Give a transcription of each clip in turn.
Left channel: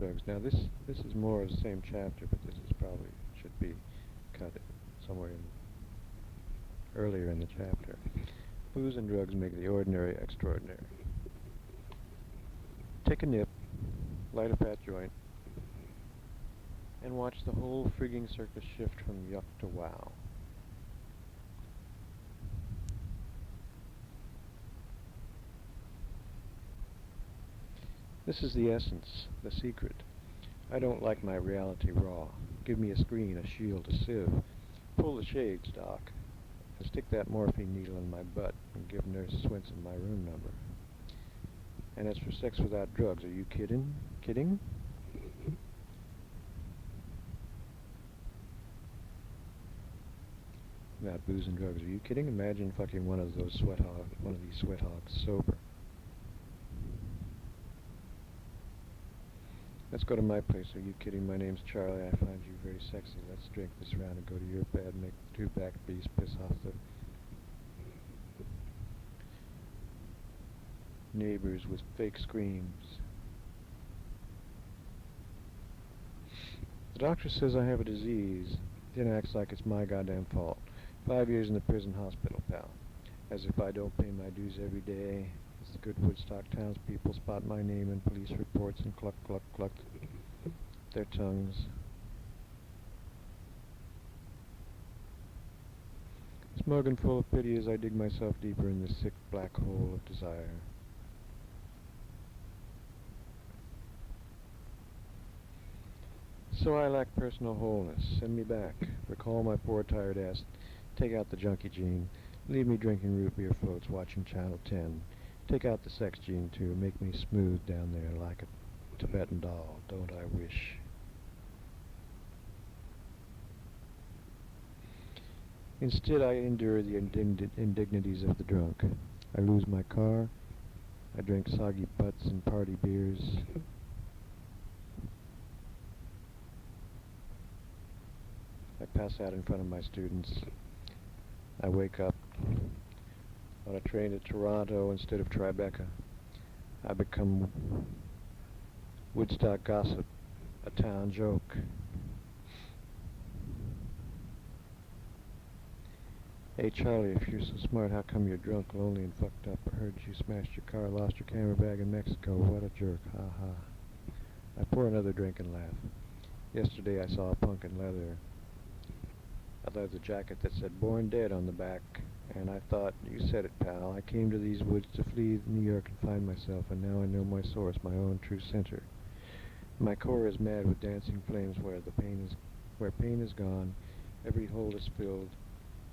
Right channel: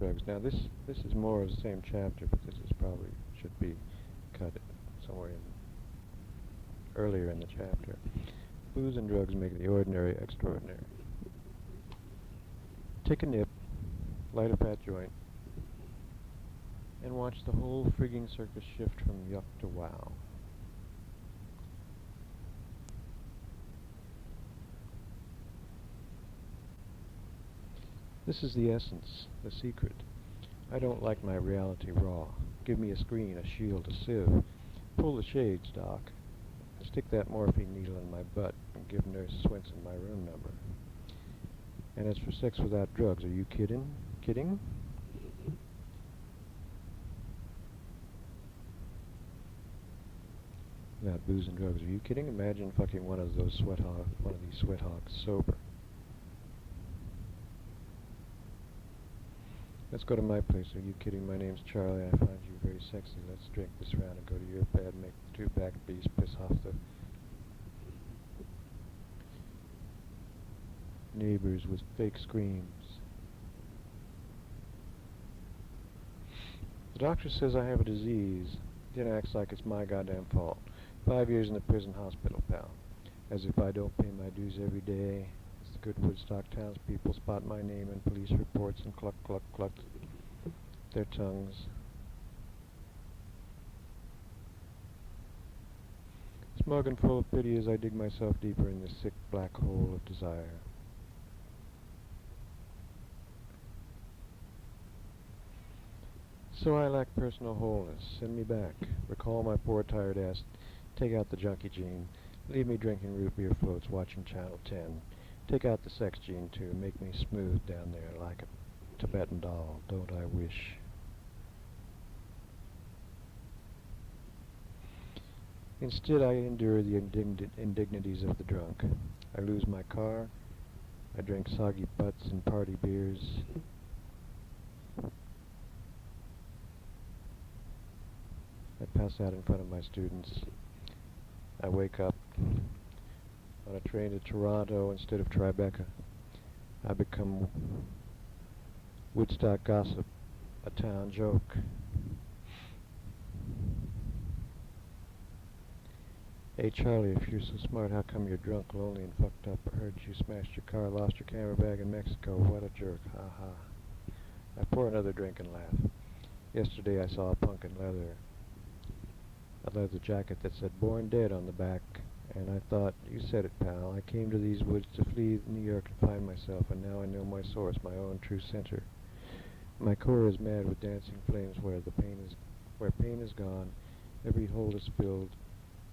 drugs. Now this is more of the same chapter, but this is probably should be cut somewhere earlier in the chapter. Booze and drugs make the ordinary extraordinary. Take a nip, light a fat joint, and watch the whole frigging circus shift from yuck to wow. This is the essence, the secret. I don't like my reality raw. Give me a screen, a shield, a sieve. Pull the shades, Doc. And stick that morphine needle in my butt and give Nurse Swenson my room number. And as for sex without drugs, are you kidding? Kidding? Without booze and drugs, are you kidding? Imagine fucking one of these sweat hogs sober. Let's go to my place. Are you kidding? My name's Charlie. I find you very sexy. Let's drink this round and go to your bed and make the two back beasts piss off the neighbors with fake screams. The doctor says I have a disease, then acts like it's my goddamn fault. 5 years in the prison hospital, pal. As if I don't pay my dues every day. As the good Woodstock townspeople spot my name in police reports and cluck, cluck, cluck their tongues. Smug and full of pity as I dig myself deeper in this sick black hole of desire. So I lack personal wholeness. Send me back. Recall my poor tired ass. Take out the junkie gene. Leave me drinking root beer floats, watching Channel 10. Take out the sex gene too. Make me smooth down there like a Tibetan doll. Don't I wish? Instead, I endure the indignities of the drunk. I lose my car. I drink soggy butts and party beers. I pass out in front of my students. I wake up on a train to Toronto instead of Tribeca. I become Woodstock gossip, a town joke. Hey Charlie, if you're so smart, how come you're drunk, lonely, and fucked up? I heard you smashed your car, lost your camera bag in Mexico. What a jerk, ha ha. I pour another drink and laugh. Yesterday I saw a punk in leather jacket that said Born Dead on the back, and I thought, you said it, pal. I came to these woods to flee New York and find myself, and now I know my source, my own true center. My core is mad with dancing flames where pain is gone, every hole is filled,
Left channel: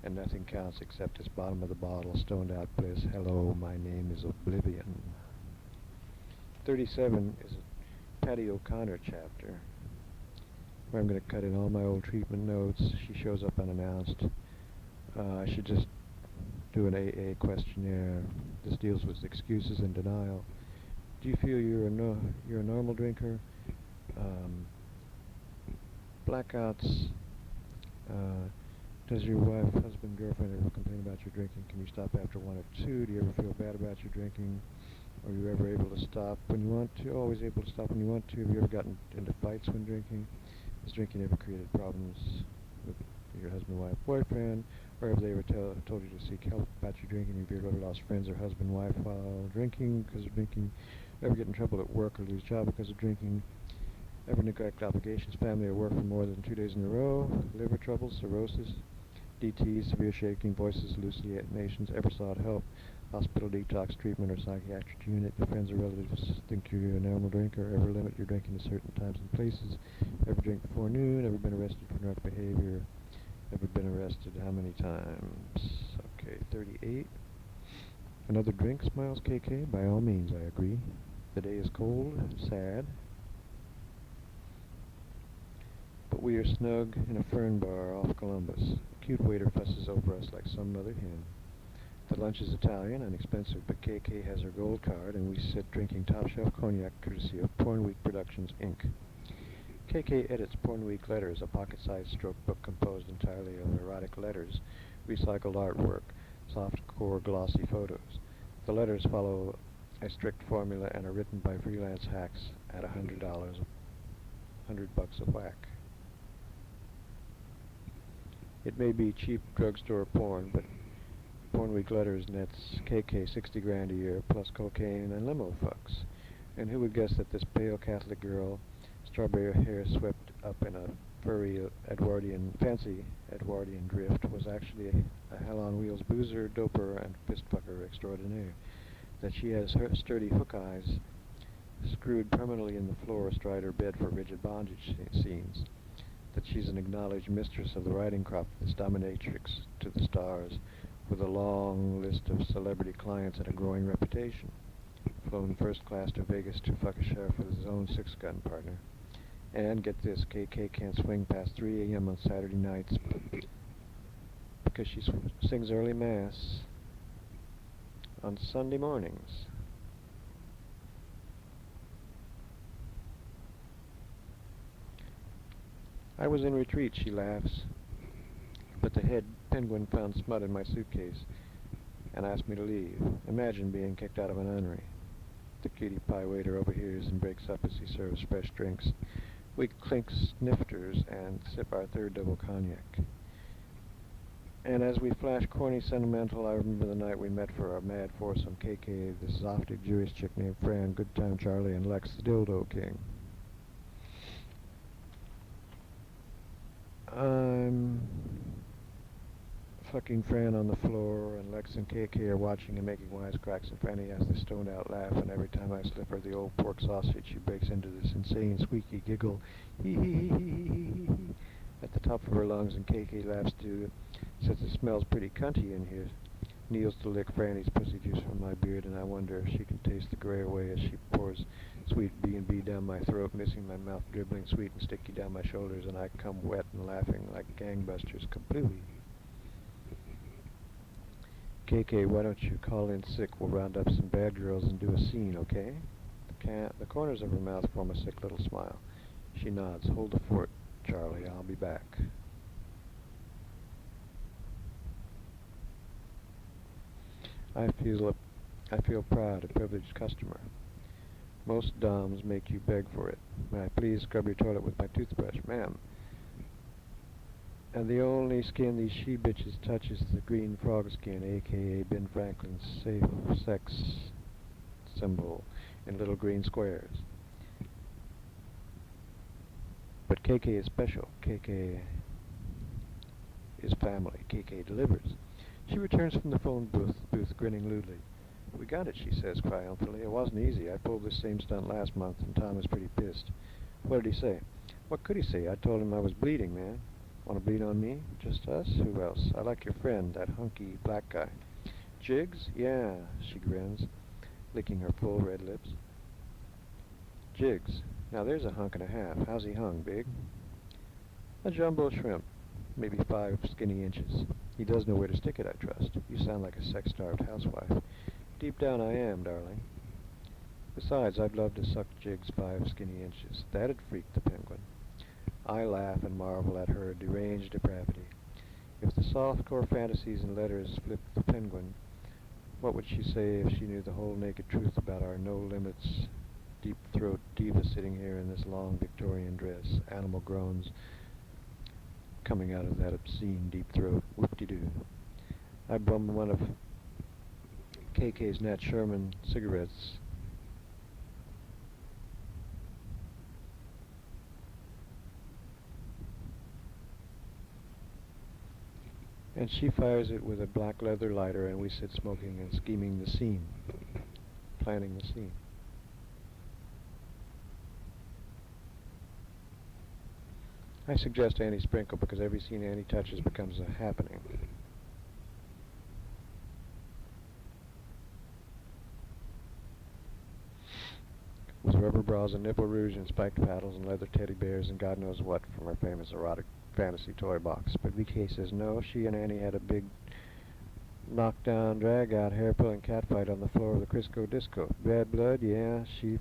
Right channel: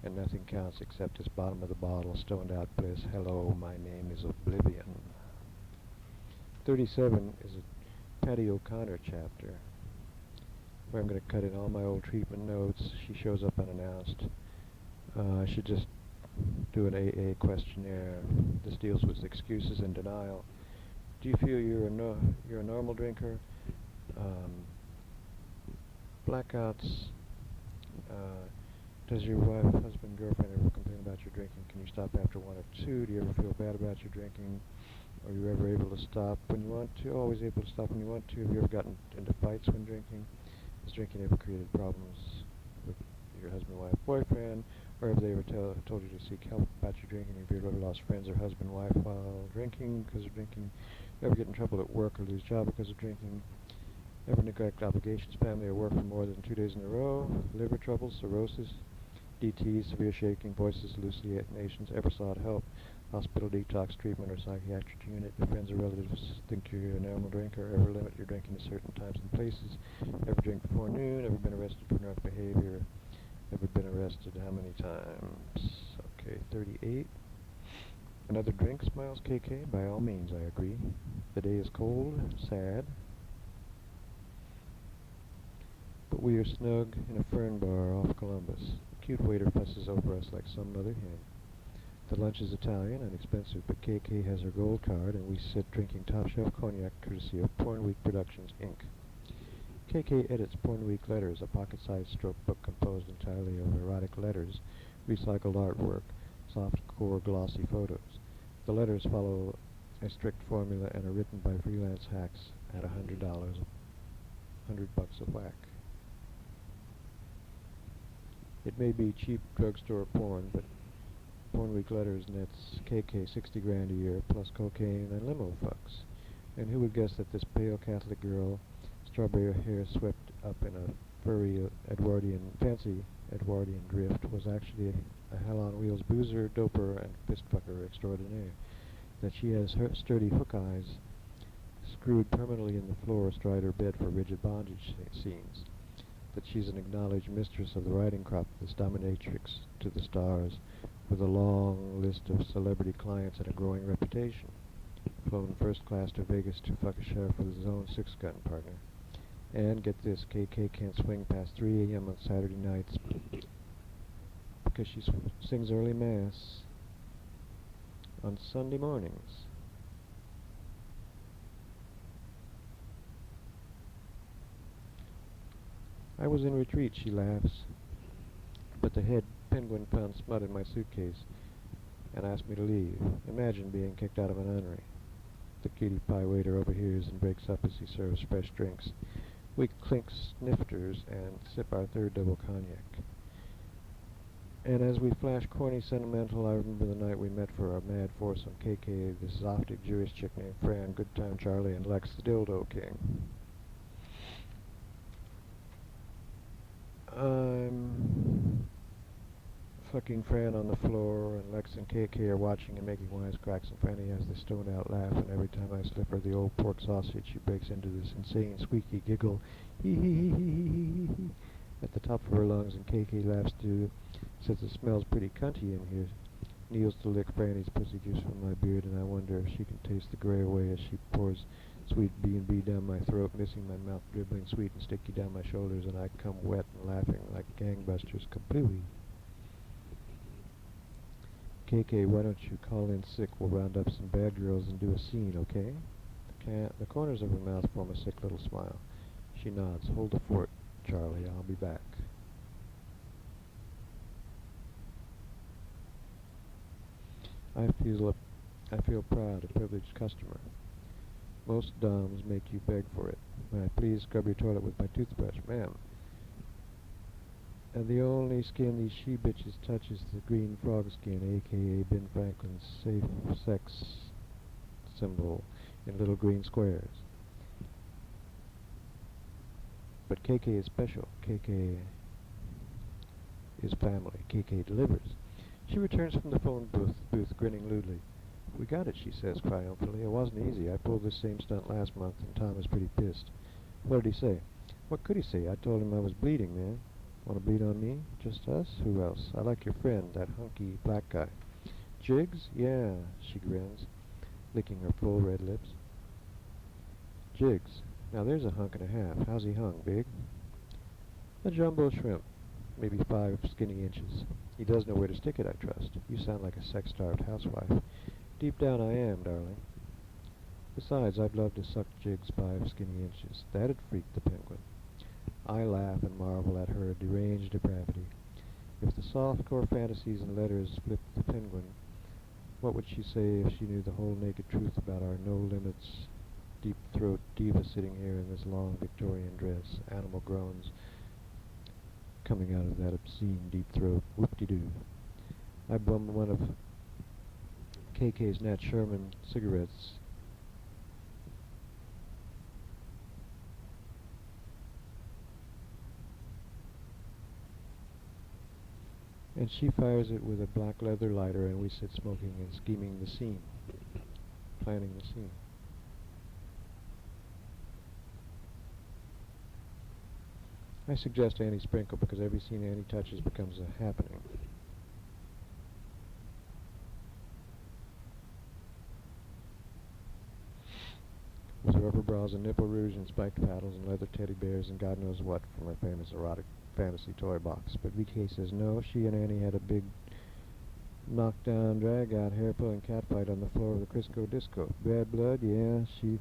and nothing counts except this bottom of the bottle, stoned out bliss. Hello, my name is Oblivion. 37 is a Patty O'Connor chapter, where I'm going to cut in all my old treatment notes. She shows up unannounced. I should just do an AA questionnaire. This deals with excuses and denial. Do you feel you're a normal drinker? Blackouts. Does your wife, husband, girlfriend ever complain about your drinking? Can you stop after one or two? Do you ever feel bad about your drinking? Are you ever able to stop when you want to? Always able to stop when you want to? Have you ever gotten into fights when drinking? Has drinking ever created problems with your husband, wife, boyfriend? Or have they ever told you to seek help about your drinking? Have you ever lost friends or husband, wife while drinking because of drinking? Ever get in trouble at work or lose job because of drinking? Ever neglect obligations, family, or work for more than 2 days in a row? Liver trouble, cirrhosis, DT, severe shaking, voices, hallucinations? Ever sought help? Hospital detox treatment or psychiatric unit? Your friends or relatives think you're a normal drinker? Ever limit your drinking to certain times and places? Ever drink before noon? Ever been arrested for drunk behavior? Ever been arrested? How many times? Okay, 38. Another drink, smiles KK. By all means, I agree. The day is cold, sad, but we are snug in a fern bar off Columbus. A cute waiter fusses over us like some mother hen. The lunch is Italian and expensive, but KK has her gold card, and we sit drinking top-shelf cognac courtesy of Porn Week Productions, Inc. KK edits Porn Week Letters, a pocket-sized stroke book composed entirely of erotic letters, recycled artwork, soft-core glossy photos. The letters follow a strict formula and are written by freelance hacks at $100 $100 a whack. It may be cheap drugstore porn, but Porn Week Letters nets KK 60 grand a year, plus cocaine and limo fucks. And who would guess that this pale Catholic girl, strawberry hair swept up in a furry fancy Edwardian drift, was actually a hell-on-wheels boozer, doper, and fistfucker extraordinaire. That she has her sturdy hook eyes screwed permanently in the floor astride her bed for rigid bondage scenes. That she's an acknowledged mistress of the writing crop, this dominatrix to the stars, with a long list of celebrity clients and a growing reputation. Flown first class to Vegas to fuck a sheriff with his own six-gun partner. And get this, KK can't swing past 3 a.m. on Saturday nights because she sings early mass on Sunday mornings. I was in retreat, she laughs, but the head penguin found smut in my suitcase and asked me to leave. Imagine being kicked out of a nunnery. The cutie pie waiter overhears and breaks up as he serves fresh drinks. We clink snifters and sip our third double cognac. And as we flash corny sentimental, I remember the night we met for a mad foursome. KK, this Zoftic Jewish chick named Fran, Good Time Charlie, and Lex the Dildo King. I'm fucking Fran on the floor, and Lex and KK are watching and making wisecracks, and Franny has this stoned-out laugh, and every time I slip her the old pork sausage, she breaks into this insane, squeaky giggle, hee-hee-hee-hee-hee-hee, at the top of her lungs, and KK laughs too, says it smells pretty cunty in here, kneels to lick Franny's pussy juice from my beard, and I wonder if she can taste the gray away as she pours sweet B&B down my throat, missing my mouth, dribbling sweet and sticky down my shoulders, and I come wet and laughing like gangbusters, kablooey. KK, why don't you call in sick? We'll round up some bad girls and do a scene, okay? The corners of her mouth form a sick little smile. She nods. Hold the fort, Charlie. I'll be back. I feel proud, a privileged customer. Most doms make you beg for it. May I please scrub your toilet with my toothbrush, ma'am? And the only skin these she-bitches touch is the green frog skin, a.k.a. Ben Franklin's safe sex symbol in little green squares. But KK is special. KK is family. KK delivers. She returns from the phone booth grinning lewdly. We got it, she says triumphantly. It wasn't easy. I pulled this same stunt last month, and Tom was pretty pissed. What did he say? What could he say? I told him I was bleeding, man. Want to bleed on me? Just us? Who else? I like your friend, that hunky black guy. Jiggs? Yeah, she grins, licking her full red lips. Jiggs. Now there's a hunk and a half. How's he hung, big? A jumbo shrimp. Maybe 5 skinny inches. He does know where to stick it, I trust. You sound like a sex-starved housewife. Deep down I am, darling. Besides, I'd love to suck Jiggs 5 skinny inches. That'd freak the penguin. I laugh and marvel at her deranged depravity. If the softcore fantasies and letters flipped the penguin, what would she say if she knew the whole naked truth about our no-limits, deep-throat diva sitting here in this long Victorian dress, animal groans coming out of that obscene deep throat? Whoop-de-doo. I bum one of KK's Nat Sherman cigarettes. And she fires it with a black leather lighter, and we sit smoking and scheming the scene, planning the scene. I suggest Annie sprinkle because every scene Annie touches becomes a happening. With rubber bras and nipple rouge and spiked paddles and leather teddy bears and God knows what from her famous erotic fantasy toy box. But VK says no, she and Annie had a big knockdown, drag-out, hair-pulling catfight on the floor of the Crisco Disco. Bad blood? Yeah, she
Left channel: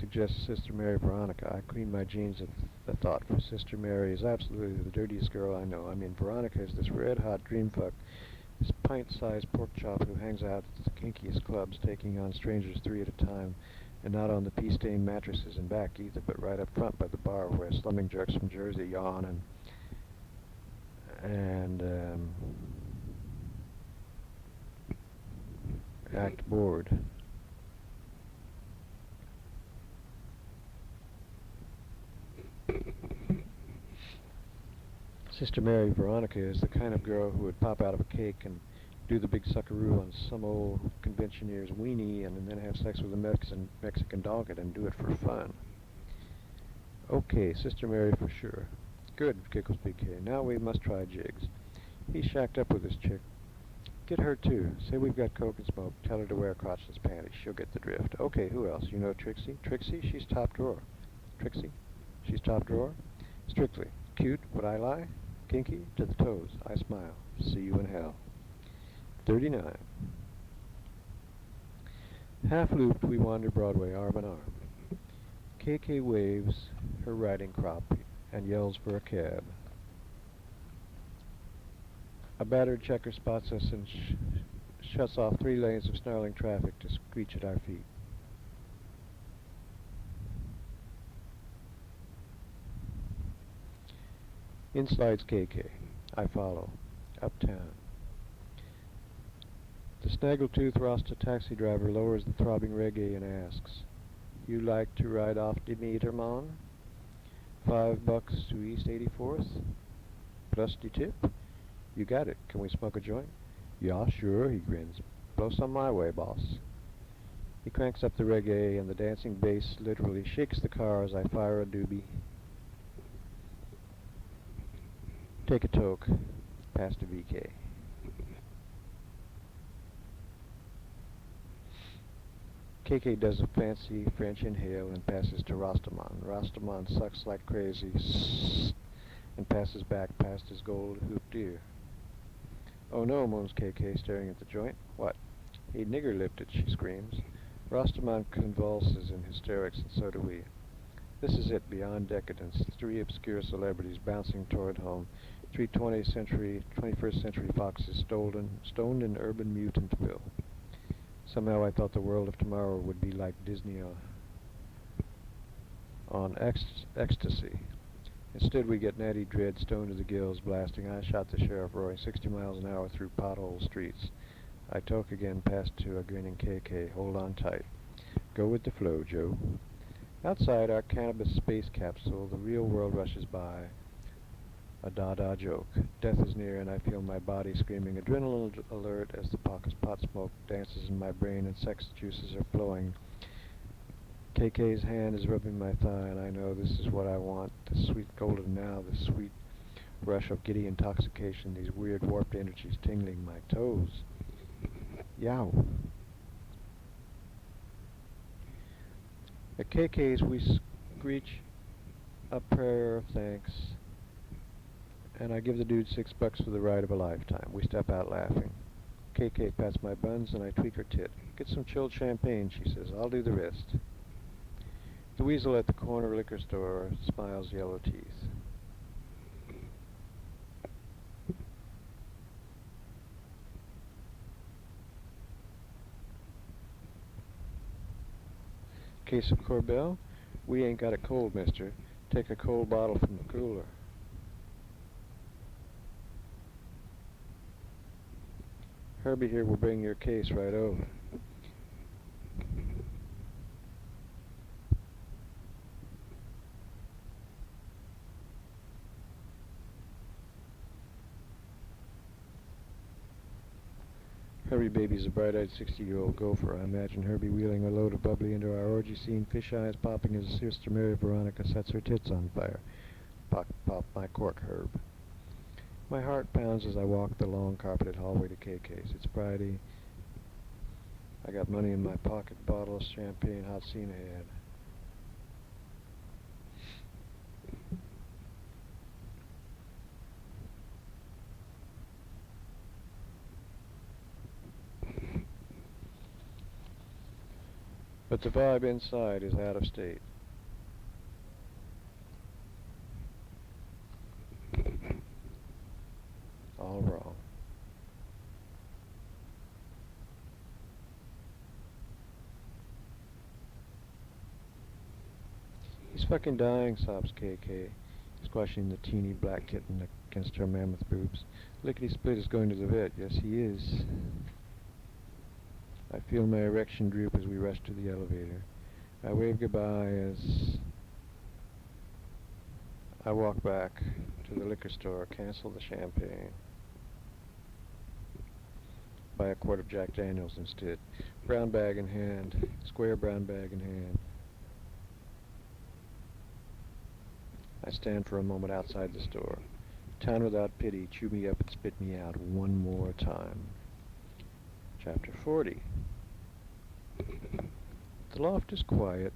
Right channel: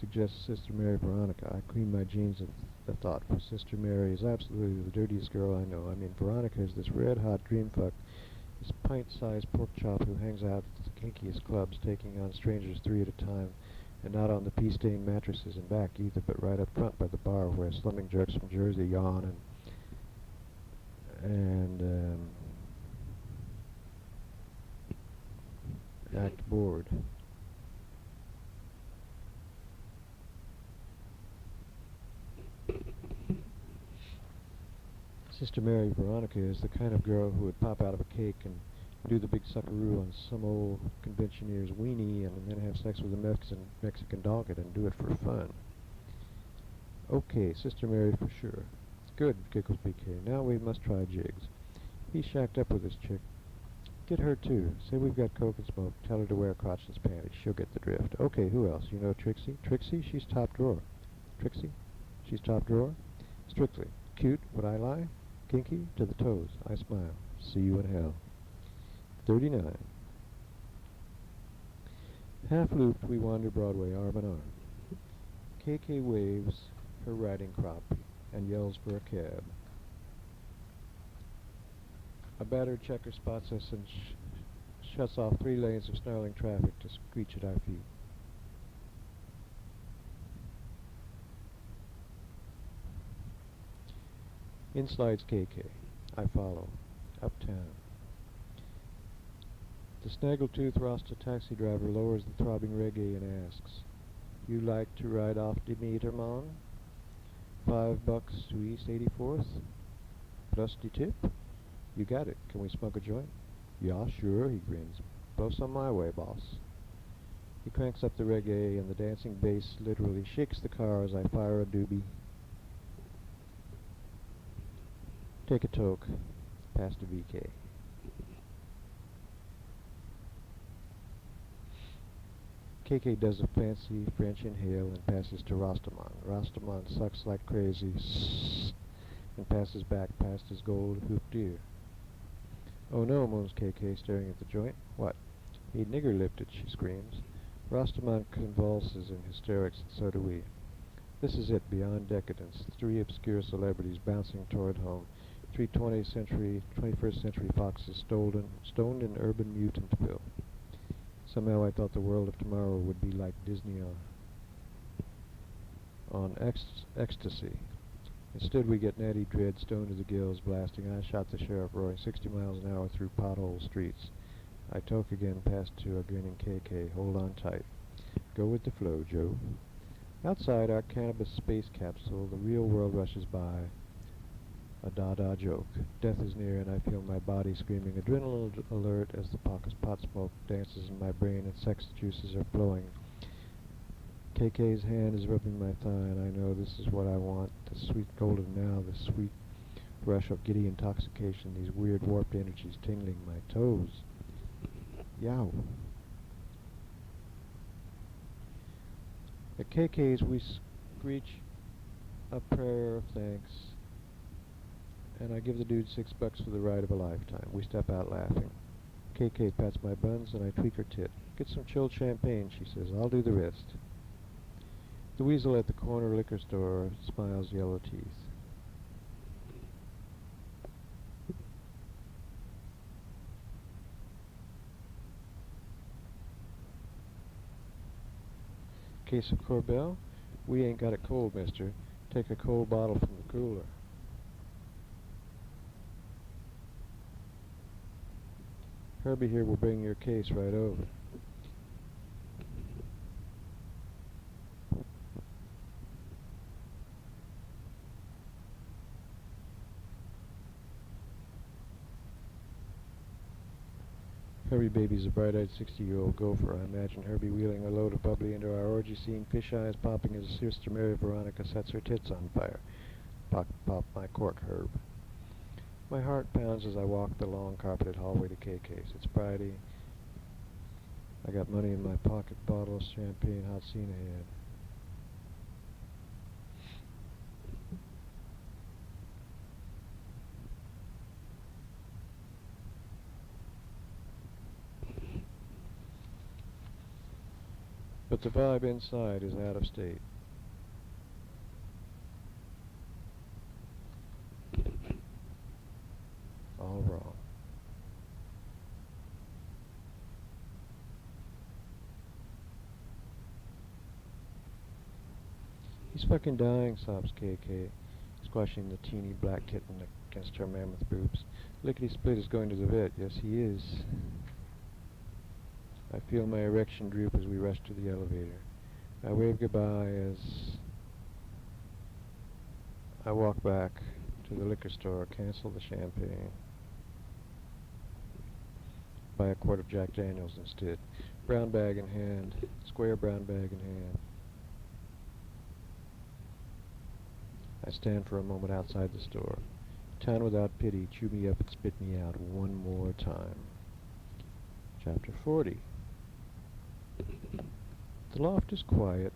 suggests Sister Mary Veronica. I clean my jeans at the thought, for Sister Mary is absolutely the dirtiest girl I know. I mean, Veronica is this red-hot dream fuck, this pint-sized pork chop who hangs out at the kinkiest clubs, taking on strangers 3 at a time, And not on the pea-stained mattresses in back either, but right up front by the bar where slumming jerks from Jersey yawn and act bored. Sister Mary Veronica is the kind of girl who would pop out of a cake and do the big suckaroo on some old conventioneer's weenie and then have sex with a Mexican doggett and do it for fun. Okay, Sister Mary for sure. Good, giggles BK. Now we must try Jiggs. He's shacked up with this chick. Get her too. Say we've got coke and smoke. Tell her to wear crotchless panties. She'll get the drift. Okay, who else? You know Trixie? Trixie? She's top drawer. Trixie? She's top drawer? Strictly. Cute? Would I lie? Kinky? To the toes. I smile. See you in hell. 39. Half-looped, we wander Broadway arm in arm. KK waves her riding crop and yells for a cab. A battered checker spots us and shuts off 3 lanes of snarling traffic to screech at our feet. In slides KK. I follow. Uptown. The snaggletooth Rasta taxi driver lowers the throbbing reggae and asks, "You like to ride off the meter, mon? $5 to East 84th? Plus the tip? You got it. Can we smoke a joint?" "Yeah, sure," he grins. "Blow some my way, boss." He cranks up the reggae and the dancing bass literally shakes the car as I fire a doobie. Take a toke. Pass to VK. KK does a fancy French inhale and passes to Rastaman. Rastaman sucks like crazy and passes back past his gold hooped ear. "Oh no," moans KK, staring at the joint. "What?" "He nigger-lipped it," she screams. Rastaman convulses in hysterics, and so do we. This is it, beyond decadence. 3 obscure celebrities bouncing toward home. 3 21st century foxes stoned in urban mutantville. Somehow I thought the world of tomorrow would be like Disney on ecstasy. Instead we get Natty Dread stoned to the gills, blasting "I Shot the Sheriff," roaring 60 miles an hour through pothole streets. I toke again, past to a grinning KK. Hold on tight. Go with the flow, Joe. Outside our cannabis space capsule, the real world rushes by. A da-da joke. Death is near and I feel my body screaming adrenaline alert as the pot smoke dances in my brain and sex juices are flowing. KK's hand is rubbing my thigh and I know this is what I want. The sweet golden now, the sweet rush of giddy intoxication, these weird warped energies tingling my toes. Yow. At KK's we screech a prayer of thanks and I give the dude $6 for the ride of a lifetime. We step out laughing. KK pats my buns and I tweak her tit. "Get some chilled champagne," she says. "I'll do the rest." The weasel at the corner liquor store smiles yellow teeth. Case of Corbel? We ain't got it cold, mister. Take a cold bottle from the cooler. Herbie here will bring your case right over. Herbie baby's a bright-eyed 60-year-old gopher. I imagine Herbie wheeling a load of bubbly into our orgy scene, fish eyes popping as Sister Mary Veronica sets her tits on fire. Pop, pop my cork, Herb. My heart pounds as I walk the long carpeted hallway to KK's. It's Friday. I got money in my pocket, bottle of champagne, hot scene ahead. But the vibe inside is out of state. All wrong. He's fucking dying, sobs KK, squashing the teeny black kitten against her mammoth boobs. Lickety-split is going to the vet. Yes, he is. I feel my erection droop as we rush to the elevator. I wave goodbye as I walk back to the liquor store, cancel the champagne, buy a quart of Jack Daniels instead. Brown bag in hand, square brown bag in hand. I stand for a moment outside the store. Town without pity, chew me up and spit me out one more time. Chapter 40. The loft is quiet.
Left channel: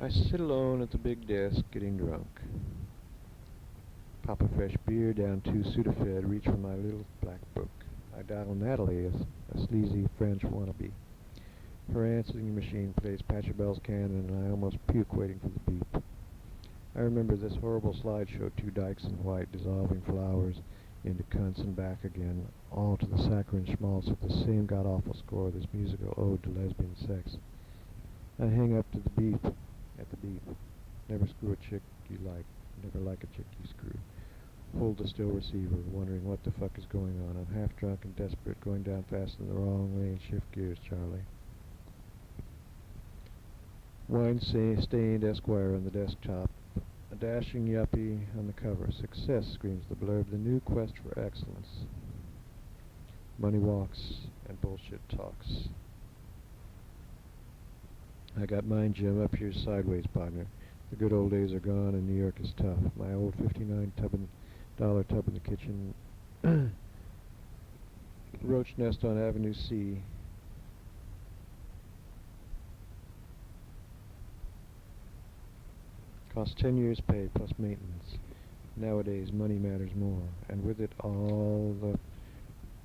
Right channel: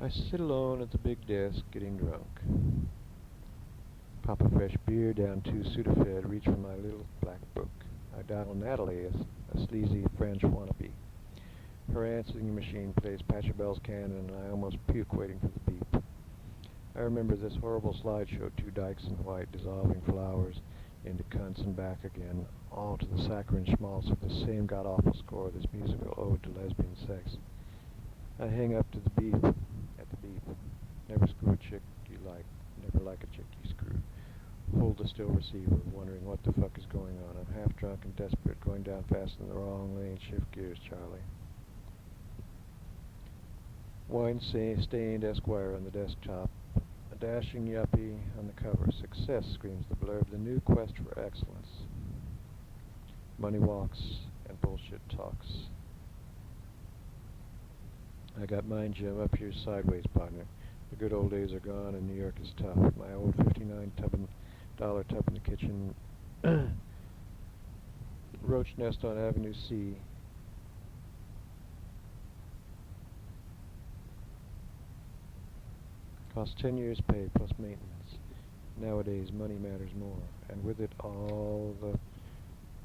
I sit alone at the big desk, getting drunk. Pop a fresh beer down 2 Sudafed, reach for my little black book. I dial Natalie, a sleazy French wannabe. Her answering machine plays Pachelbel's Canon, and I almost puke waiting for the beep. I remember this horrible slideshow, 2 dykes in white, dissolving flowers into cunts and back again, all to the saccharine schmaltz of the same god-awful score, this musical ode to lesbian sex. I hang up to the beep, at the beep. Never screw a chick you like, never like a chick you screw. Hold the still receiver, wondering what the fuck is going on. I'm half drunk and desperate, going down fast in the wrong lane. Shift gears, Charlie. Wine-stained Esquire on the desktop. A dashing yuppie on the cover. Success, screams the blurb. The new quest for excellence. Money walks and bullshit talks. I got mine, Jim. Up here sideways, partner. The good old days are gone and New York is tough. My old $59 tub in the kitchen. Roach nest on Avenue C. Costs 10 years' pay plus maintenance. Nowadays, money matters more, and with it all the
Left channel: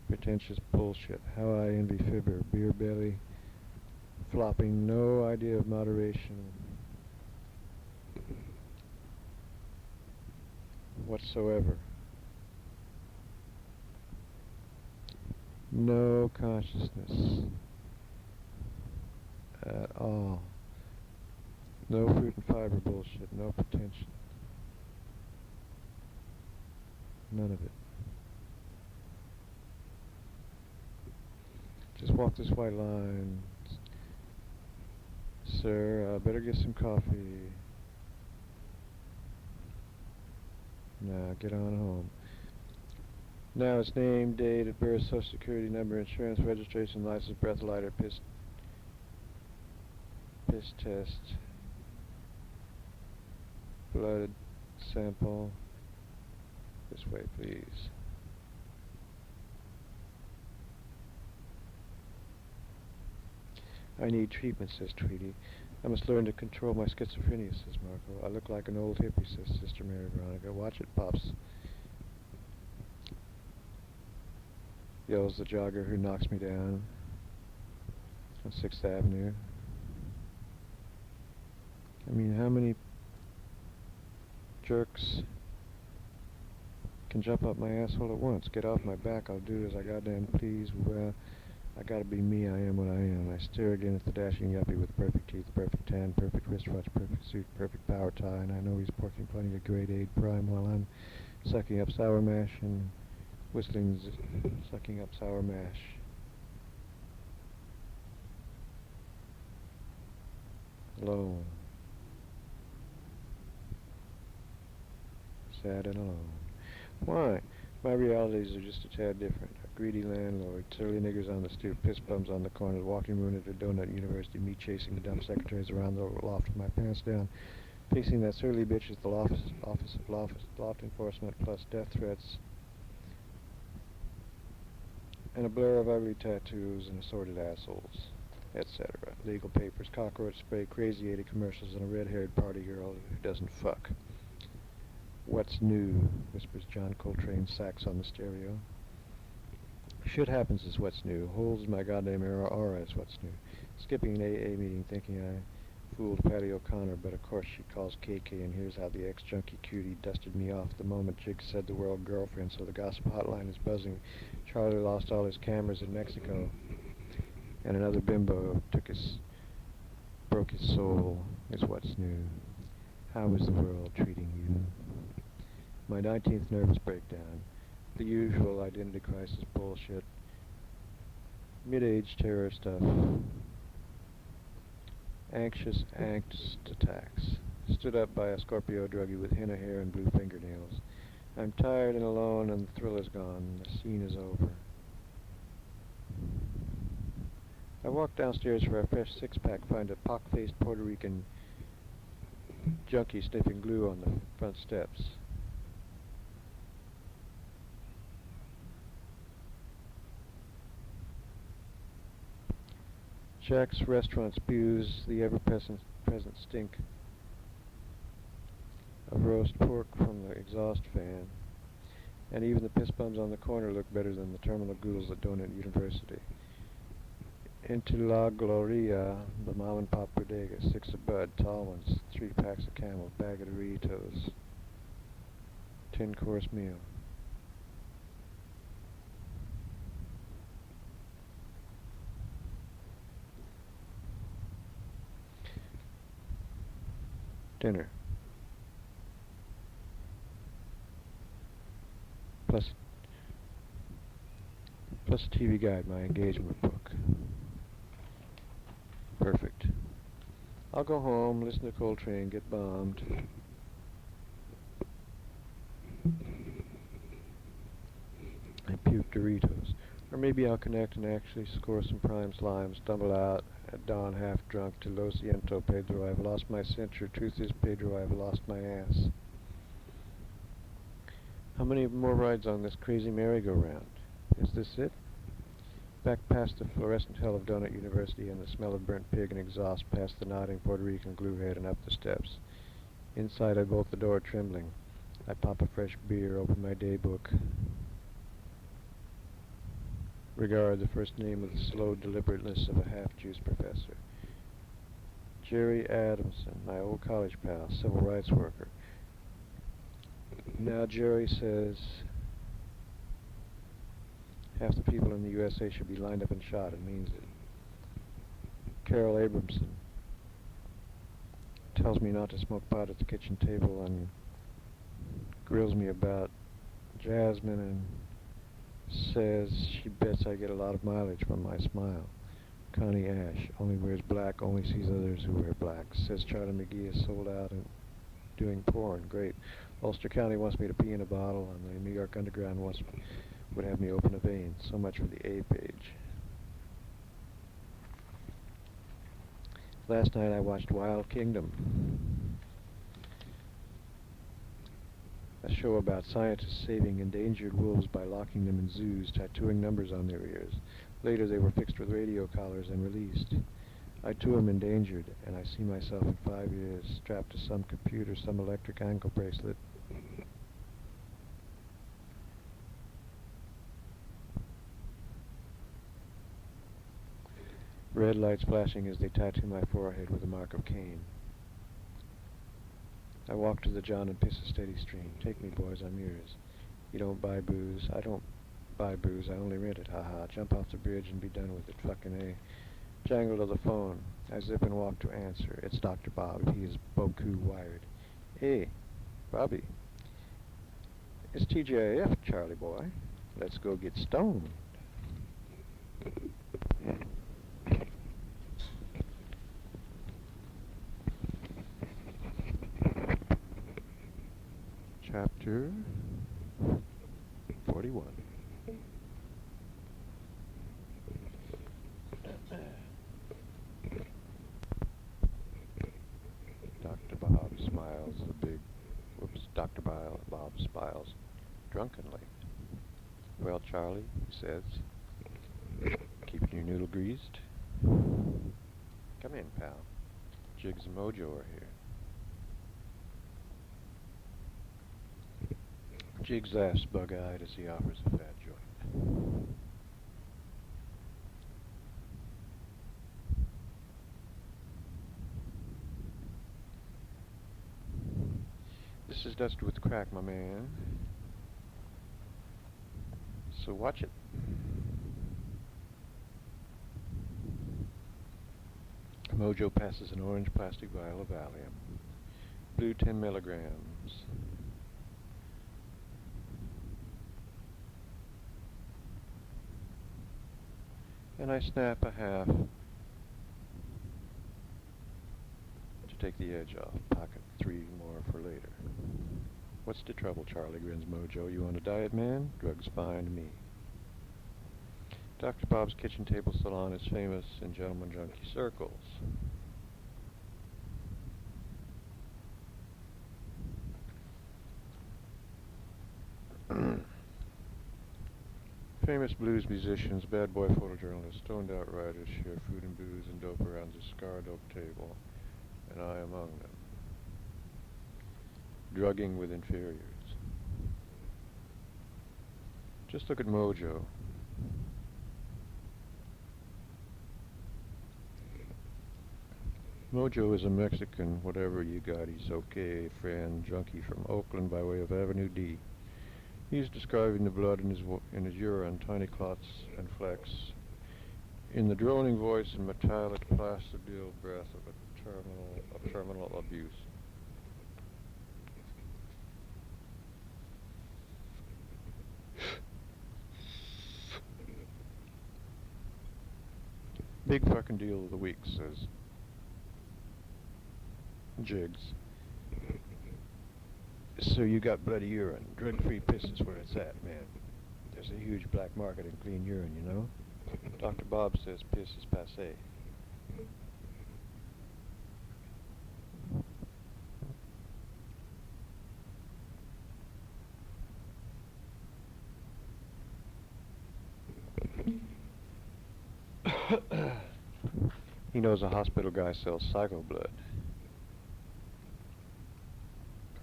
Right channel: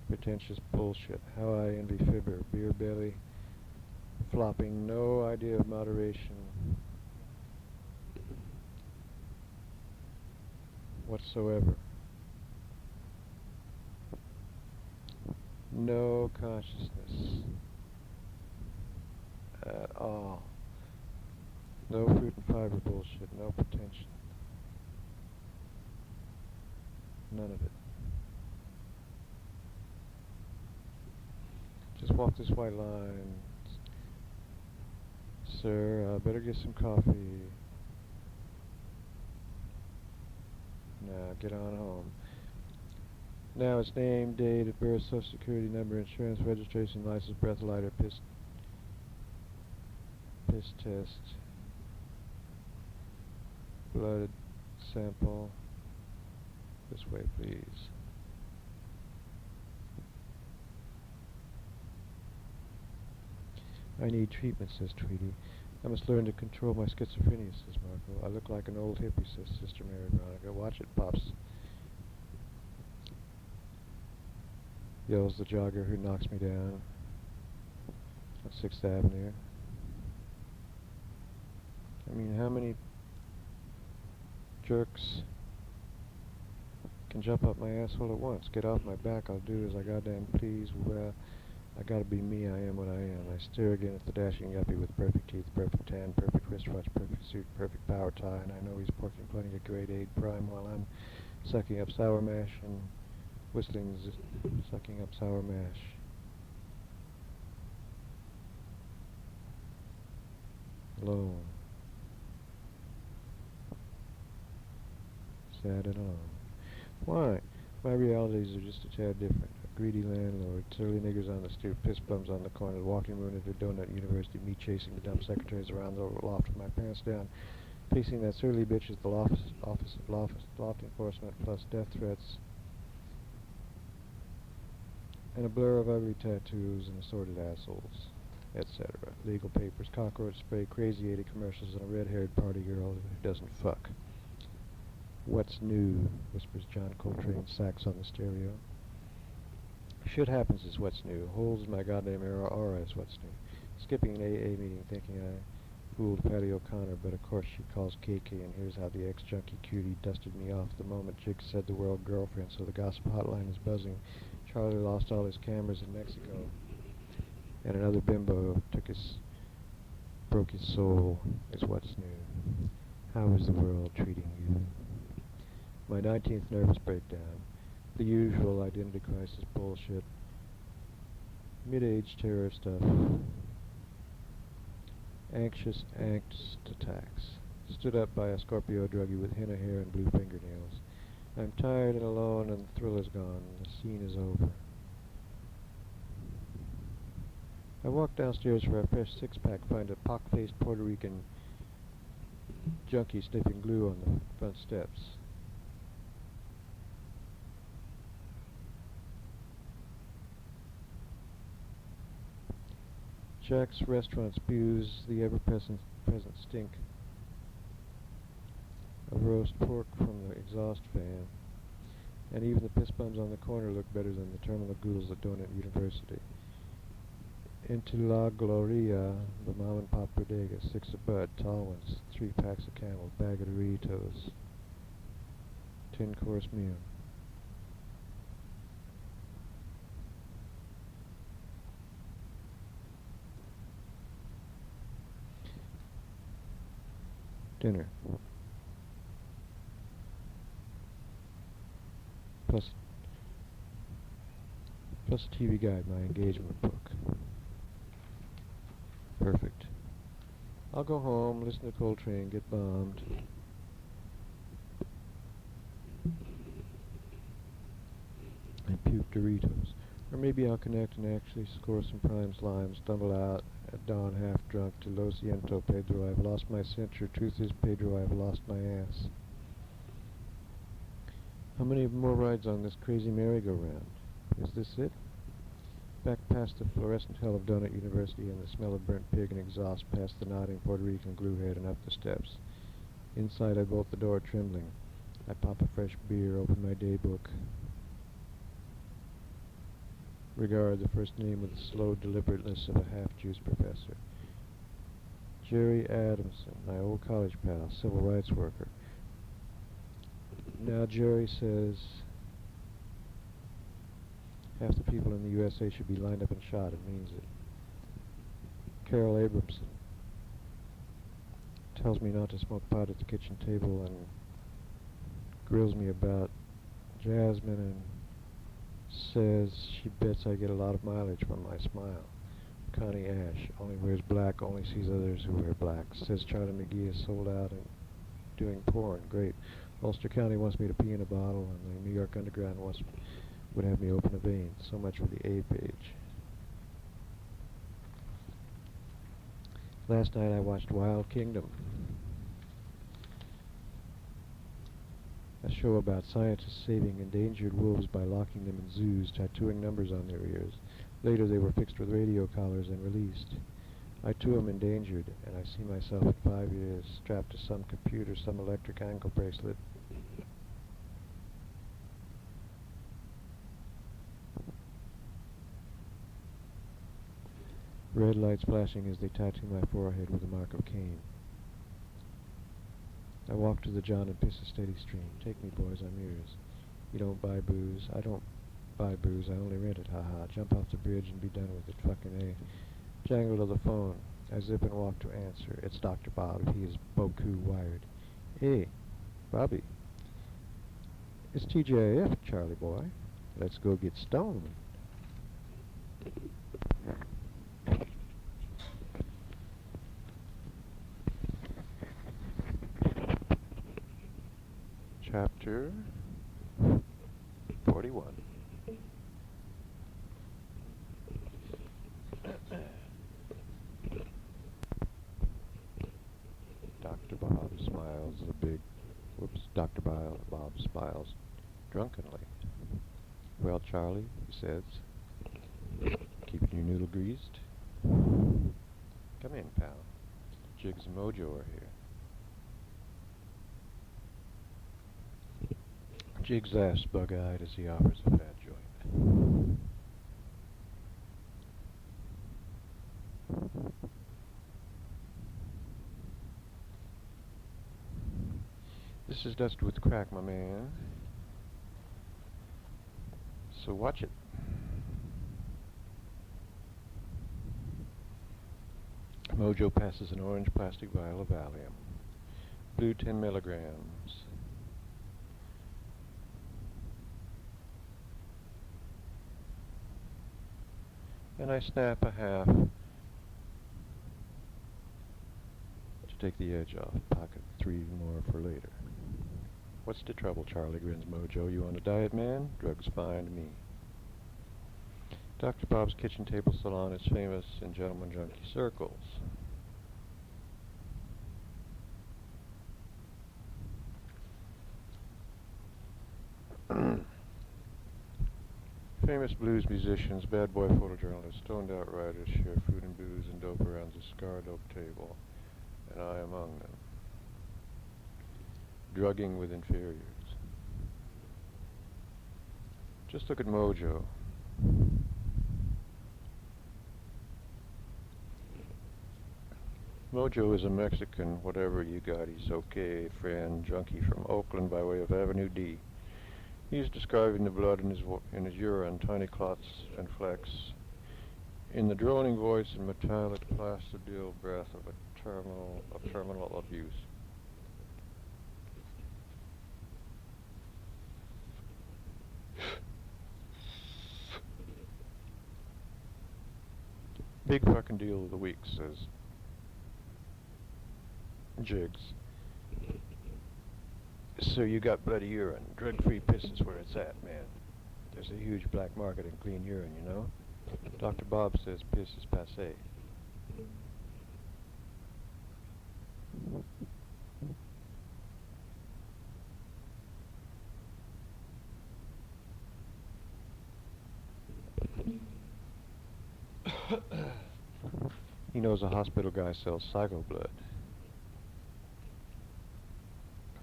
pretentious bullshit. How I envy Fibber, beer belly, flopping, no idea of moderation whatsoever. No consciousness at all. No fruit and fiber bullshit, no pretension. None of it. Just walk this white line. Sir, better get some coffee. Now, get on home. Now it's name, date of birth, social security number, insurance, registration, license, breathalyzer, piss test, blood sample. This way, please. I need treatment, says Tweety. I must learn to control my schizophrenia, says Marco. I look like an old hippie, says Sister Mary Veronica. Watch it, Pops, yells the jogger who knocks me down on 6th Avenue. I mean, how many jerks can jump up my asshole at once? Get off my back, I'll do as I goddamn please. Well, I gotta be me, I am what I am. I stare again at the dashing yuppie with perfect teeth, perfect tan, perfect wristwatch, perfect suit, perfect power tie, and I know he's porking plenty of grade 8 prime while I'm sucking up sour mash and whistling, sucking up sour mash. Alone. Sad and alone. Why? My realities are just a tad different. A greedy landlord, surly niggers on the stoop, piss bums on the corner, walking ruin at a donut university, me chasing dumb secretaries around the loft with my pants down, pacing that surly bitch at the office of loft enforcement, plus death threats, and a blur of ugly tattoos and assorted assholes, etc. Legal papers, cockroach spray, crazy 80 commercials, and a red-haired party girl who doesn't fuck. What's new? Whispers John Coltrane sax on the stereo. Shit happens is what's new. Holes in my goddamn aura is what's new. Skipping an AA meeting thinking I fooled Patty O'Connor, but of course she calls KK, and here's how the ex-junkie cutie dusted me off the moment Jig said the word girlfriend, so the gossip hotline is buzzing. Charlie lost all his cameras in Mexico, and another bimbo took his broke his soul is what's new. How is the world treating you? My 19th nervous breakdown. The usual identity crisis bullshit. Mid-age terror stuff. Anxious angst attacks. Stood up by a Scorpio druggie with henna hair and blue fingernails. I'm tired and alone and the thrill is gone. The scene is over. I walk downstairs for a fresh six-pack, find a pock-faced Puerto Rican junkie sniffing glue on the front steps. Jack's restaurant spews the ever-present stink of roast pork from the exhaust fan, and even the piss bums on the corner look better than the terminal ghouls at Donut University. Into La Gloria, the mom-and-pop bodega, 6 of Bud, tall ones, 3 packs of Camels, bag of Doritos, 10-course meal. Dinner. Plus a TV guide, my engagement book. Perfect. I'll go home, listen to Coltrane, get bombed. And puke Doritos. Or maybe I'll connect and actually score some prime slime, stumble out at dawn half drunk to Lo siento, Pedro, I've lost my censure. Truth is, Pedro, I've lost my ass. How many more rides on this crazy merry-go-round? Is this it? Back past the fluorescent hell of Donut University and the smell of burnt pig and exhaust, past the nodding Puerto Rican gluehead and up the steps. Inside I bolt the door trembling. I pop a fresh beer, open my daybook. Regard the first name with the slow deliberateness of a half-juiced professor. Jerry Adamson, my old college pal, civil rights worker. Now Jerry says half the people in the USA should be lined up and shot, and means it. Carol Abramson tells me not to smoke pot at the kitchen table and grills me about Jasmine and says she bets I get a lot of mileage from my smile. Connie Ash only wears black, only sees others who wear black. Says Charlie McGee is sold out and doing porn. Great. Ulster County wants me to pee in a bottle, and the New York Underground would have me open a vein. So much for the A page. Last night I watched Wild Kingdom, a show about scientists saving endangered wolves by locking them in zoos, tattooing numbers on their ears. Later they were fixed with radio collars and released. I too am endangered, and I see myself in 5 years strapped to some computer, some electric ankle bracelet. Red lights flashing as they tattoo my forehead with the mark of Cain. I walk to the John and piss a steady stream. Take me, boys, I'm yours. You don't buy booze. I don't buy booze. I only rent it. Ha-ha. Jump off the bridge and be done with it. Fucking A. Jangle to the phone. I zip and walk to answer. It's Dr. Bob. He is Boku wired. Hey, Bobby. It's TGIF, Charlie boy. Let's go get stoned. Chapter 41. Dr. Bob smiles Dr. Bob smiles drunkenly. Well, Charlie, he says, keeping your noodle greased? Come in, pal. Jiggs and Mojo are here. Jiggs laughs bug-eyed as he offers a fat joint. This is dusted with crack, my man. So watch it. Mojo passes an orange plastic vial of Valium. Blue 10 milligrams. And I snap a half to take the edge off. Pocket 3 more for later. What's the trouble, Charlie, grins Mojo. You on a diet, man? Drugs fine to me. Dr. Bob's kitchen table salon is famous in gentleman junkie circles. Famous blues musicians, bad boy photojournalists, stoned out writers share food and booze and dope around the scarred oak table, and I among them. Drugging with inferiors. Just look at Mojo. Mojo is a Mexican, whatever you got, he's okay, friend, junkie from Oakland by way of Avenue D. He's describing the blood in his urine, tiny clots and flecks, in the droning voice and metallic plastidil breath of terminal abuse. Big fucking deal of the week, says Jigs. So you got bloody urine. Drug-free piss is where it's at, man. There's a huge black market in clean urine, you know? Dr. Bob says piss is passé. He knows a hospital guy sells psycho blood.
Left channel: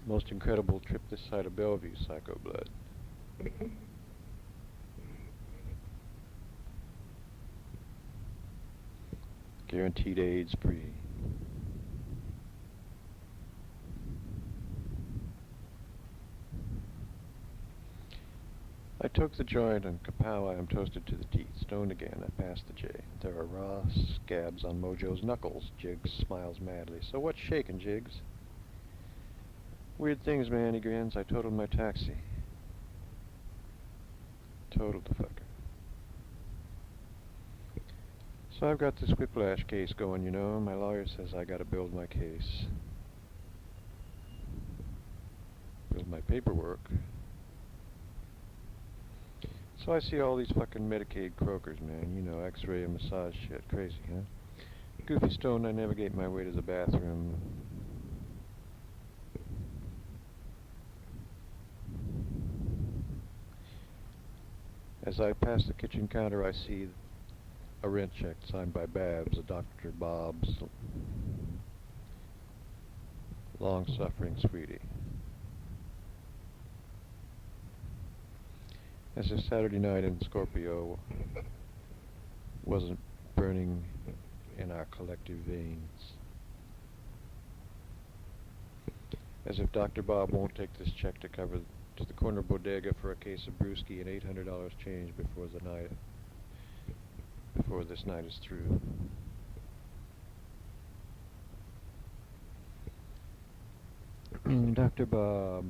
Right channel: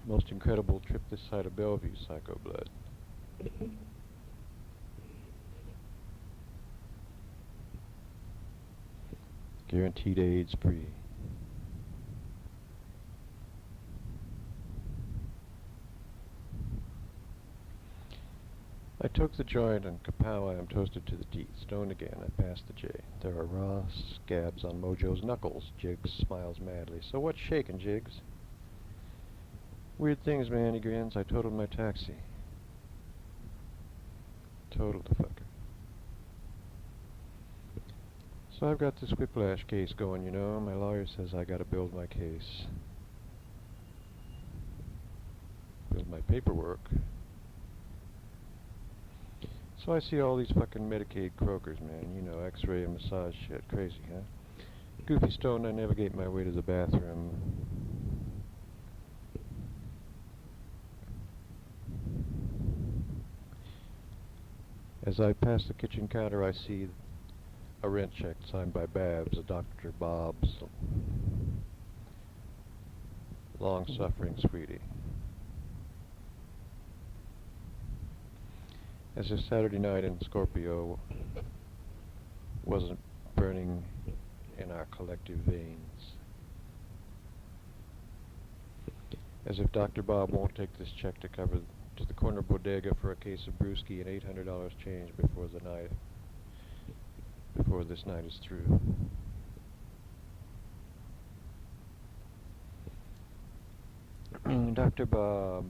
Most incredible trip this side of Bellevue psycho blood. Guaranteed AIDS free. I took the joint and kapow, I am toasted to the teeth. Stoned again, I passed the J. There are raw scabs on Mojo's knuckles. Jigs smiles madly. So what's shaking, Jigs? Weird things, man, he grins. I totaled my taxi. Totaled the fucker. So I've got this whiplash case going, you know. My lawyer says I gotta build my case. Build my paperwork. So I see all these fucking Medicaid croakers, man. You know, X-ray and massage shit. Crazy, huh? Goofy stoned, I navigate my way to the bathroom. As I pass the kitchen counter, I see a rent check signed by Babs, a Dr. Bob's long-suffering sweetie. As if Saturday night in Scorpio wasn't burning in our collective veins. As if Dr. Bob won't take this check to cover to the corner bodega for a case of brewski and $800 change before this night is through. Dr. Bob.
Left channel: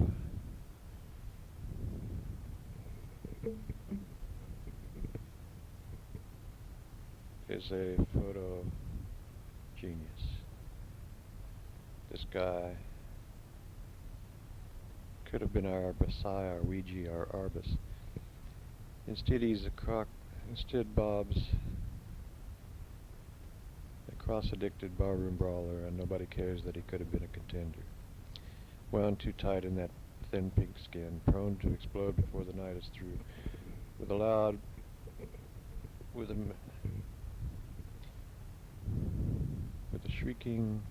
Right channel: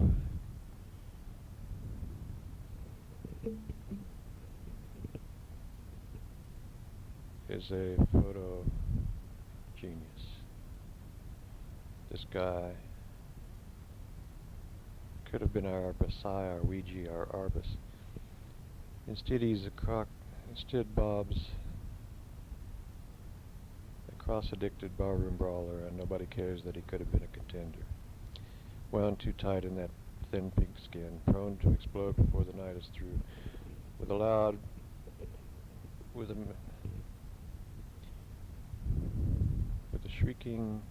Is a photo genius. This guy could have been our Versailles, our Ouija, our Arbus. Instead, he's a crock. Instead, Bob's a cross-addicted barroom brawler, and nobody cares that he could have been a contender. Wound too tight in that thin pink skin, prone to explode before the night is through. With a shrieking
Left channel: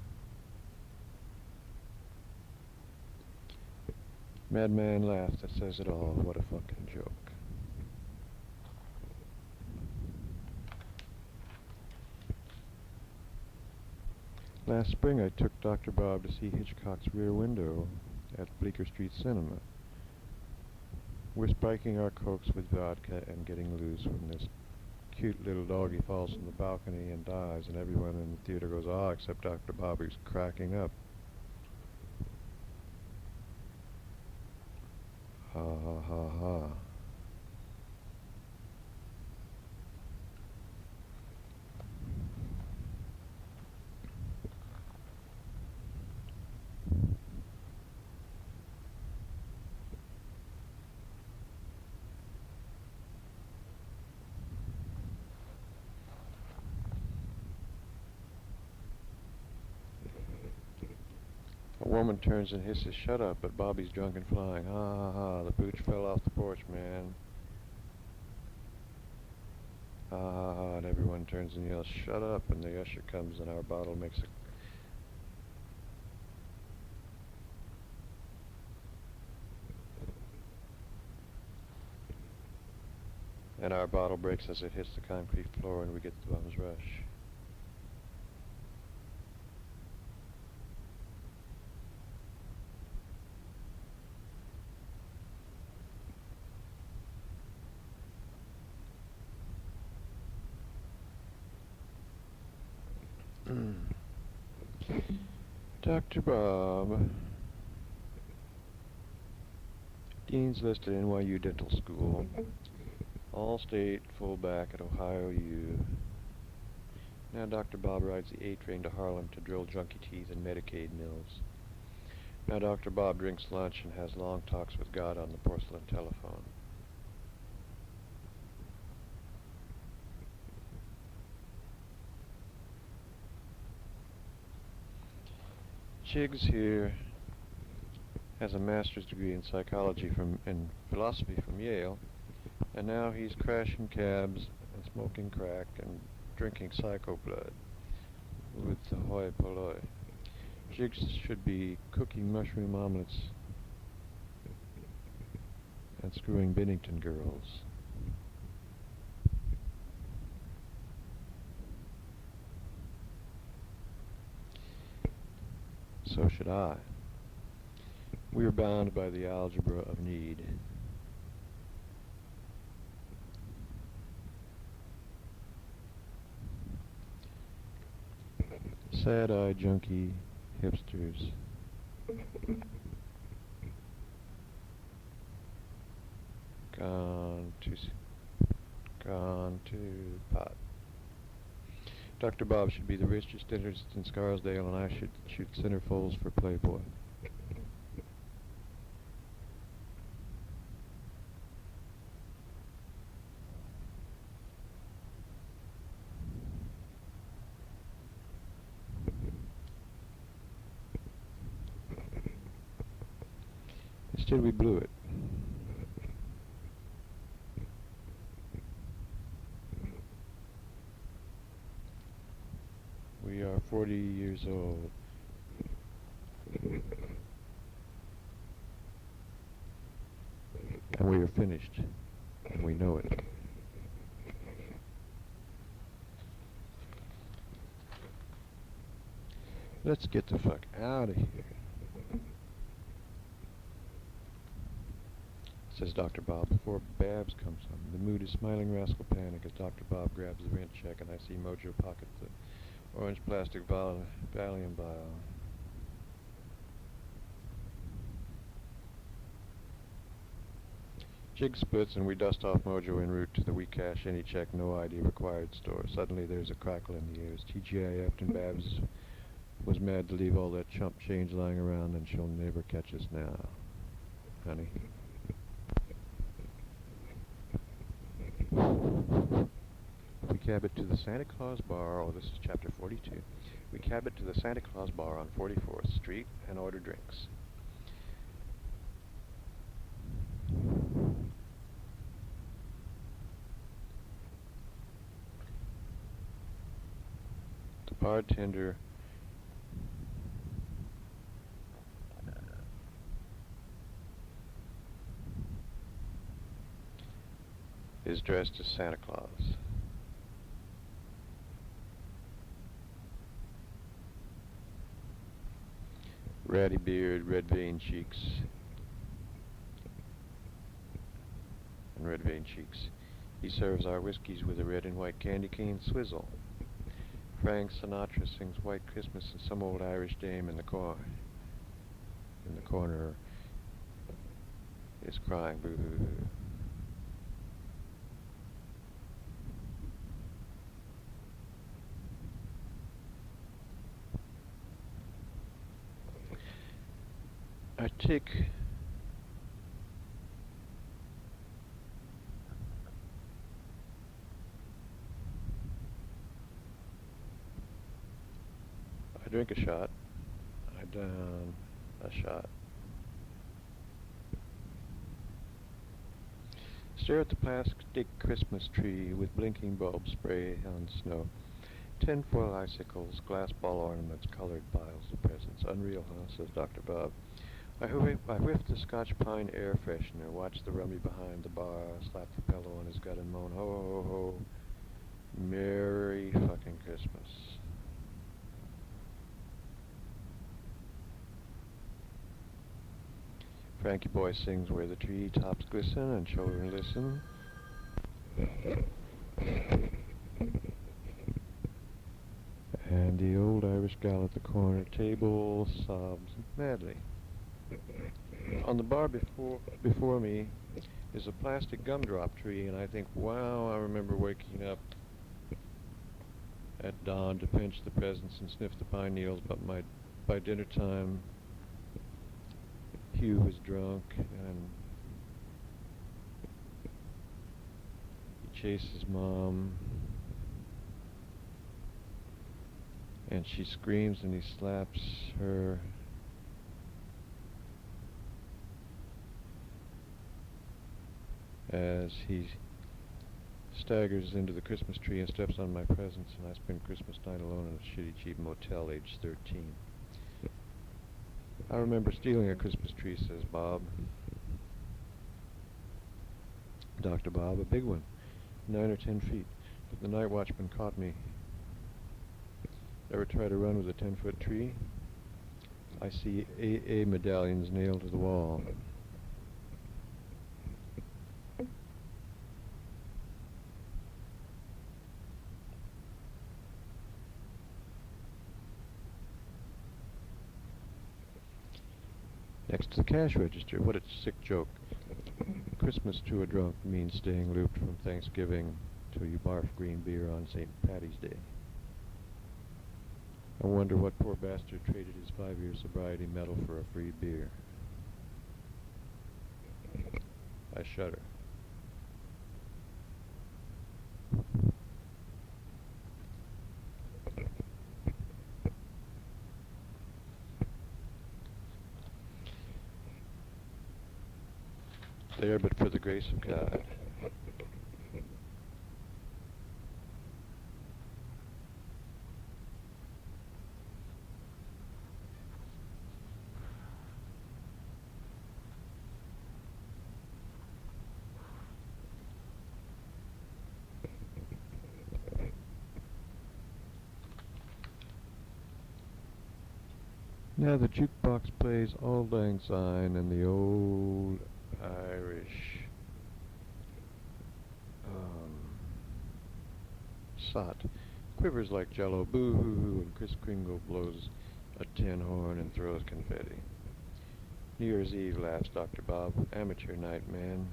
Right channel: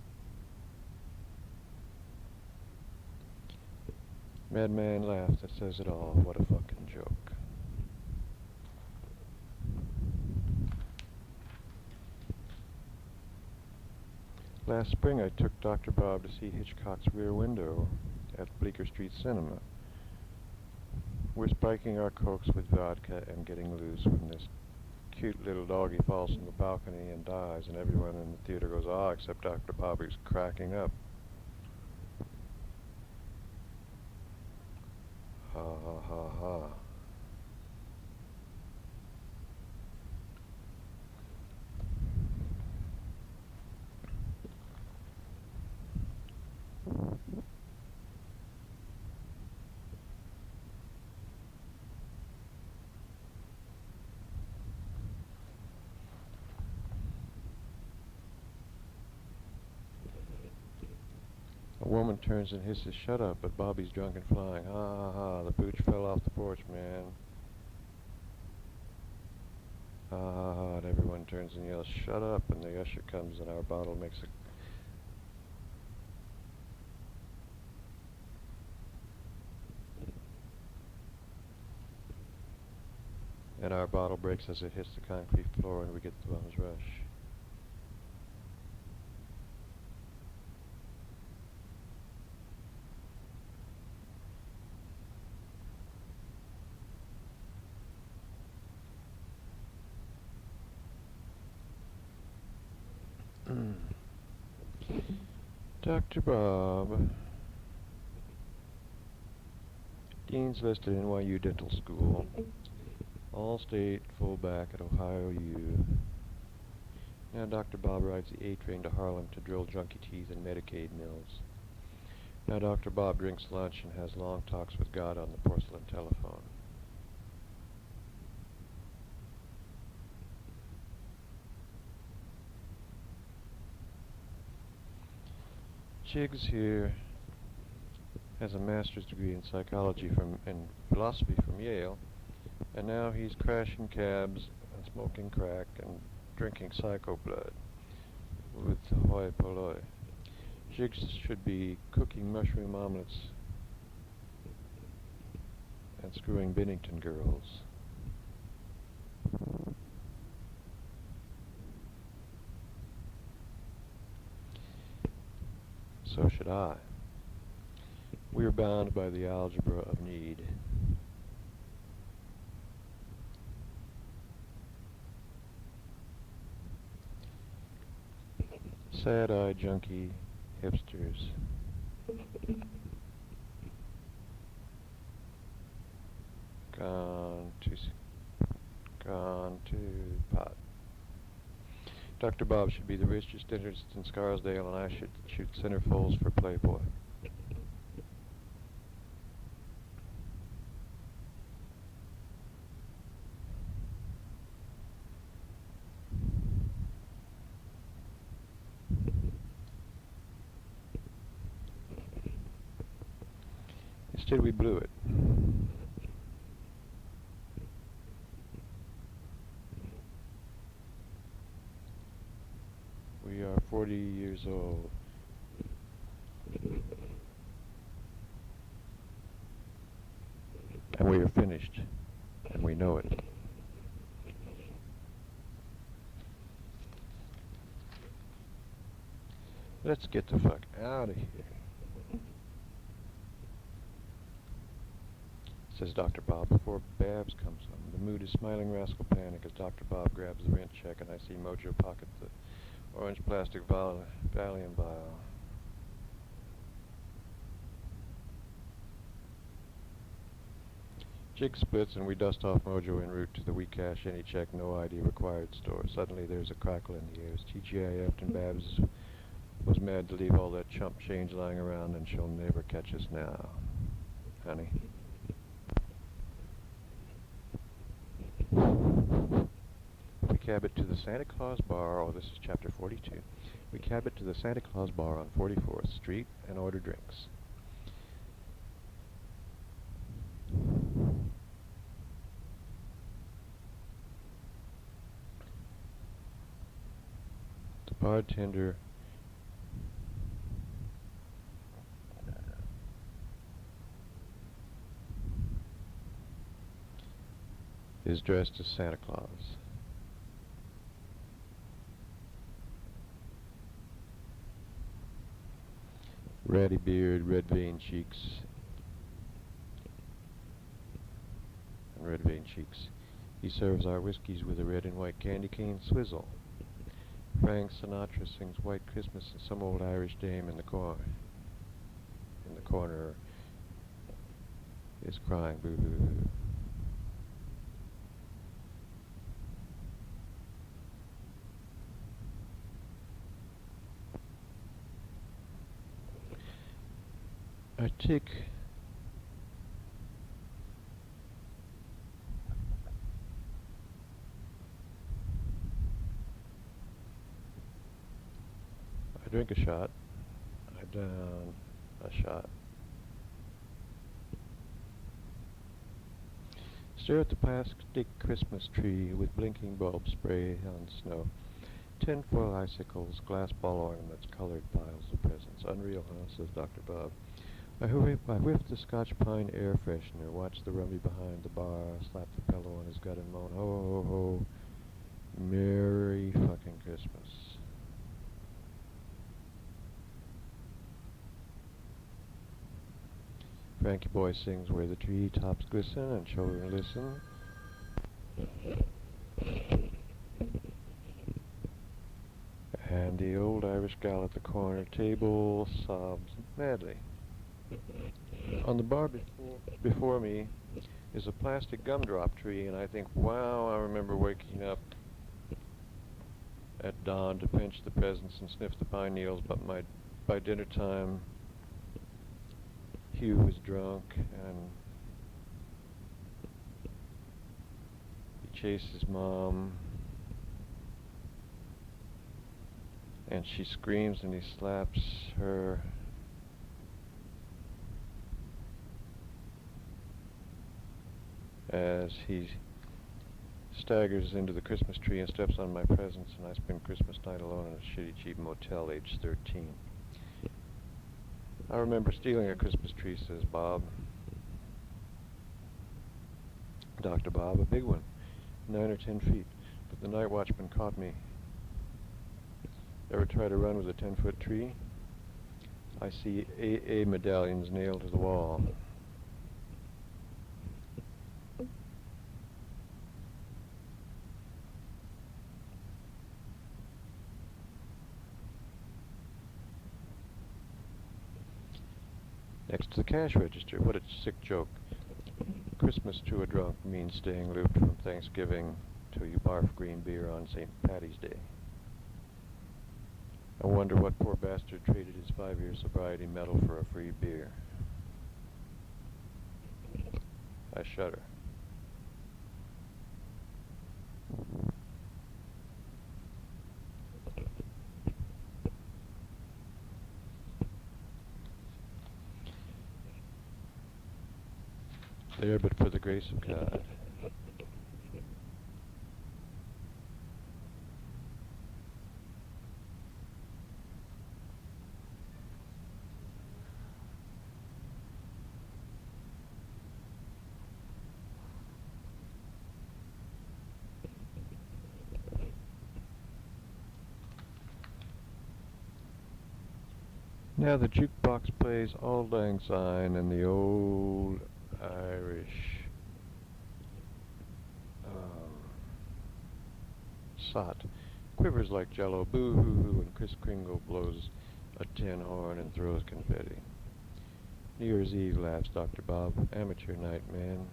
madman laugh that says it all. What a fucking joke. Last spring I took Dr. Bob to see Hitchcock's Rear Window at Bleecker Street Cinema. We're spiking our cokes with vodka and getting loose when this cute little doggy falls from the balcony and dies, and everyone in the theater goes, ah, except Dr. Bob, who's cracking up. Ha ha ha ha. A woman turns and hisses, shut up, but Bobby's drunk and flying. Ha ha ha, the pooch fell off the porch, man. Ha ha ha, and everyone turns and yells, shut up, and the usher comes and our bottle makes a... And our bottle breaks as it hits the concrete floor and we get the bum's rush. Dr. Bob. Dean's listed NYU Dental School. All-state fullback at Ohio U. Now Dr. Bob rides the A train to Harlem to drill junkie teeth in Medicaid mills. Now Dr. Bob drinks lunch and has long talks with God on the porcelain telephone. Chiggs here has a master's degree in psychology and philosophy from Yale, and now he's crashing cabs, smoking crack, and drinking psycho blood with the hoi polloi. Chiggs should be cooking mushroom omelets and screwing Bennington girls. So should I. We are bound by the algebra of need. Sad-eyed junkie hipsters. Gone to pot. Dr. Bob should be the richest dentist in Scarsdale, and I should shoot centerfolds for Playboy. Instead, we blew it. We are 40 years old. And we are finished. And we know it. Let's get the fuck out of here, says Dr. Bob before Babs comes home. The mood is smiling rascal panic as Dr. Bob grabs the rent check and I see Mojo pocket the orange plastic Valium vial. Jig splits and we dust off Mojo en route to the we cash any check no ID required store. Suddenly there's a crackle in the air as TGIF'd and Babs was mad to leave all that chump change lying around, and she'll never catch us now, honey. We cab it to the Santa Claus Bar, oh, this is chapter 42. We cab it to the Santa Claus Bar on 44th Street and order drinks. The bartender is dressed as Santa Claus. Ratty beard, red veined cheeks, and red veined cheeks. He serves our whiskeys with a red and white candy cane swizzle. Frank Sinatra sings White Christmas, and some old Irish dame in the corner is crying boo-hoo-hoo. I drink a shot. I down a shot. Stare at the plastic Christmas tree with blinking bulbs spray on snow. Tinfoil icicles, glass ball ornaments, colored piles of presents. Unreal, huh? Says Dr. Bob. I whiff the Scotch pine air freshener, watch the rummy behind the bar, slap the pillow on his gut and moan, ho, ho, ho, Merry fucking Christmas. Frankie Boy sings Where the Tree Tops Glisten and Children Listen. And the old Irish gal at the corner table sobs madly. On the bar before me is a plastic gumdrop tree, and I think, wow, I remember waking up at dawn to pinch the presents and sniff the pine needles, but by dinner time, Hugh was drunk, and he chased his mom, and she screams and he slaps her. As he staggers into the Christmas tree and steps on my presents, and I spend Christmas night alone in a shitty cheap motel aged 13. I remember stealing a Christmas tree, says Bob. Dr. Bob, a big one, 9 or 10 feet, but the night watchman caught me. Ever try to run with a 10-foot tree? I see AA medallions nailed to the wall. Next to the cash register. What a sick joke. Christmas to a drunk means staying looped from Thanksgiving till you barf green beer on St. Patty's Day. I wonder what poor bastard traded his 5-year sobriety medal for a free beer. I shudder. There but for the grace of God. Now the jukebox plays Auld Lang Syne and the old Irish sot quivers like jello, boo-hoo-hoo, and Kris Kringle blows a tin horn and throws confetti. New Year's Eve, laughs Dr. Bob. Amateur night, man.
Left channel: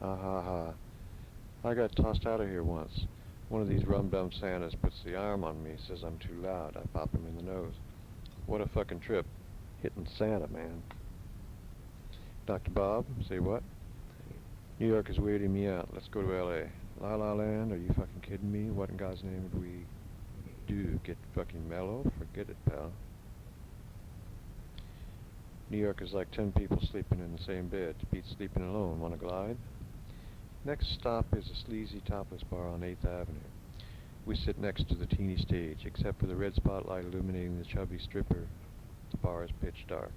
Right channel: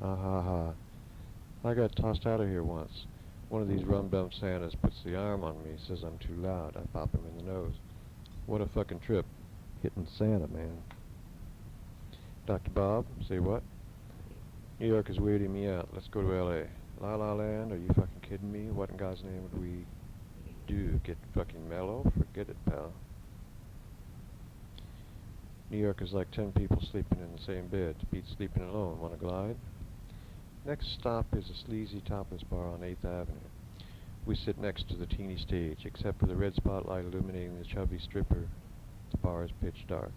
Ha ha ha. I got tossed out of here once. One of these rum-dum Santas puts the arm on me, says I'm too loud. I pop him in the nose. What a fucking trip. Hitting Santa, man. Dr. Bob, say what? New York is weirding me out. Let's go to L.A. La La Land? Are you fucking kidding me? What in God's name would we do? Get fucking mellow? Forget it, pal. New York is like 10 people sleeping in the same bed. Beats sleeping alone. Wanna glide? Next stop is a sleazy topless bar on 8th Avenue. We sit next to the teeny stage. Except for the red spotlight illuminating the chubby stripper, the bar is pitch dark.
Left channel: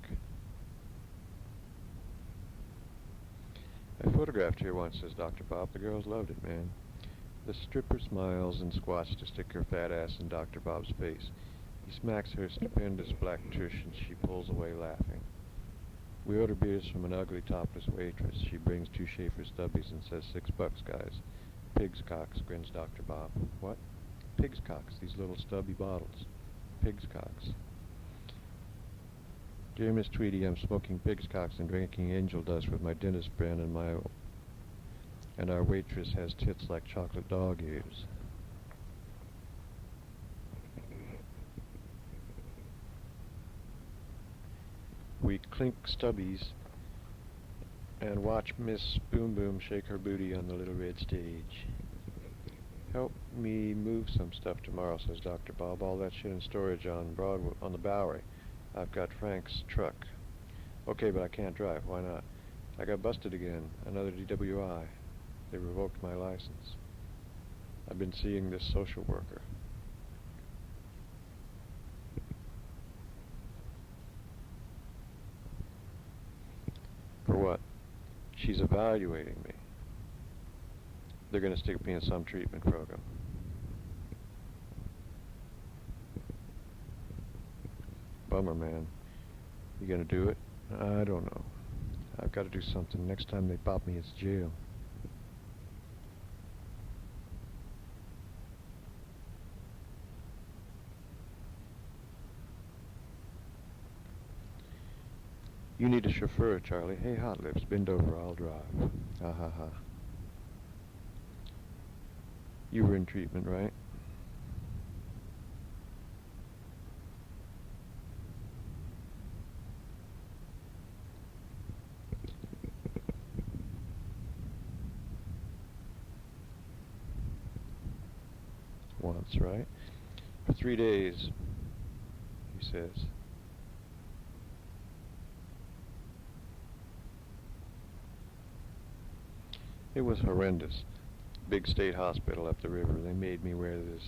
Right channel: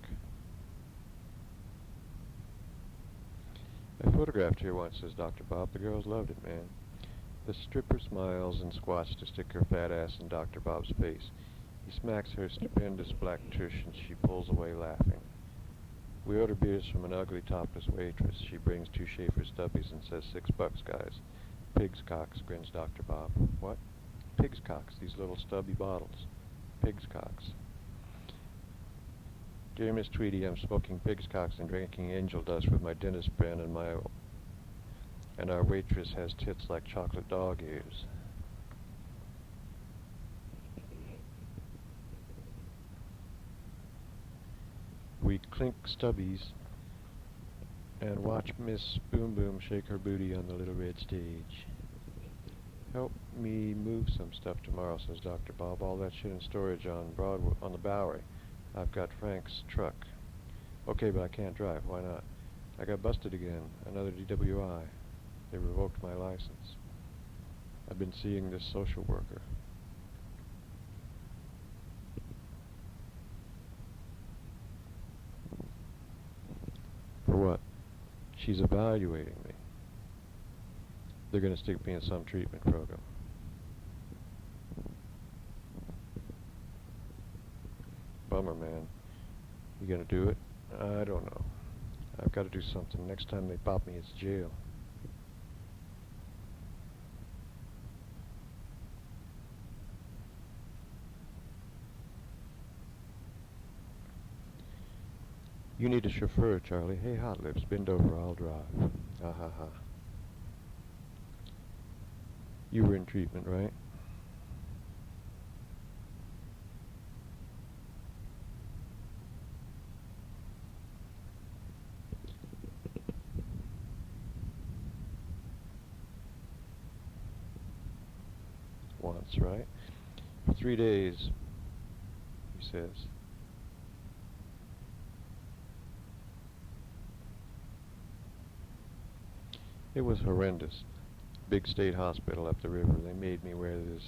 I photographed here once, says Dr. Bob. The girls loved it, man. The stripper smiles and squats to stick her fat ass in Dr. Bob's face. He smacks her stupendous black tush and she pulls away laughing. We order beers from an ugly topless waitress. She brings 2 Schaefer Stubbies and says, $6, guys. Pig's cocks, grins Dr. Bob. What? Pig's cocks, these little stubby bottles. Pig's cocks. Dear Miss Tweedy, I'm smoking pig's cocks and drinking angel dust with my dentist friend, and our waitress has tits like chocolate dog ears. We clink stubbies and watch Miss Boom Boom shake her booty on the little red stage. Help me move some stuff tomorrow, says Dr. Bob. All that shit in storage on Broadway, on the Bowery. I've got Frank's truck. Okay, but I can't drive. Why not? I got busted again. Another DWI. They revoked my license. I've been seeing this social worker. For what? She's evaluating me. They're going to stick me in some treatment program. Bummer, man. You going to do it? I don't know. I've got to do something. Next time they pop me, it's jail. You need a chauffeur, Charlie. Hey, Hot Lips, bend over, I'll drive. Ha ha ha. You were in treatment, right? Once, right? For 3 days, he says. It was horrendous. Big state hospital up the river. They made me wear this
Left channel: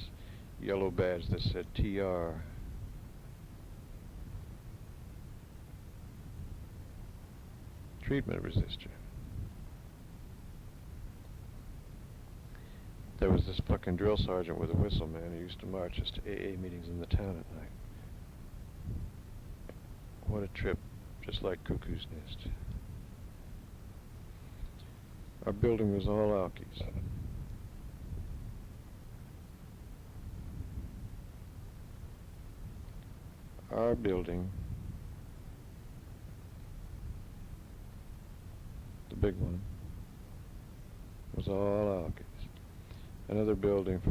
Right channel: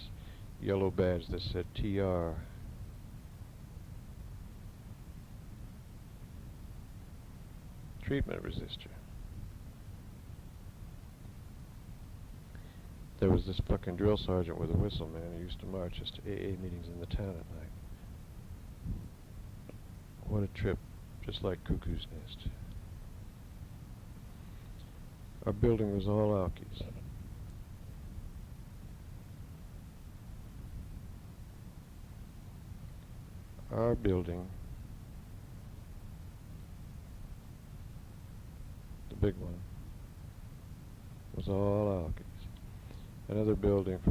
yellow badge that said TR. Treatment resistor. There was this fucking drill sergeant with a whistle, man, who used to march us to AA meetings in the town at night. What a trip, just like Cuckoo's Nest. Our building was all Alkies. Our building, the big one, was all Alkies. Another building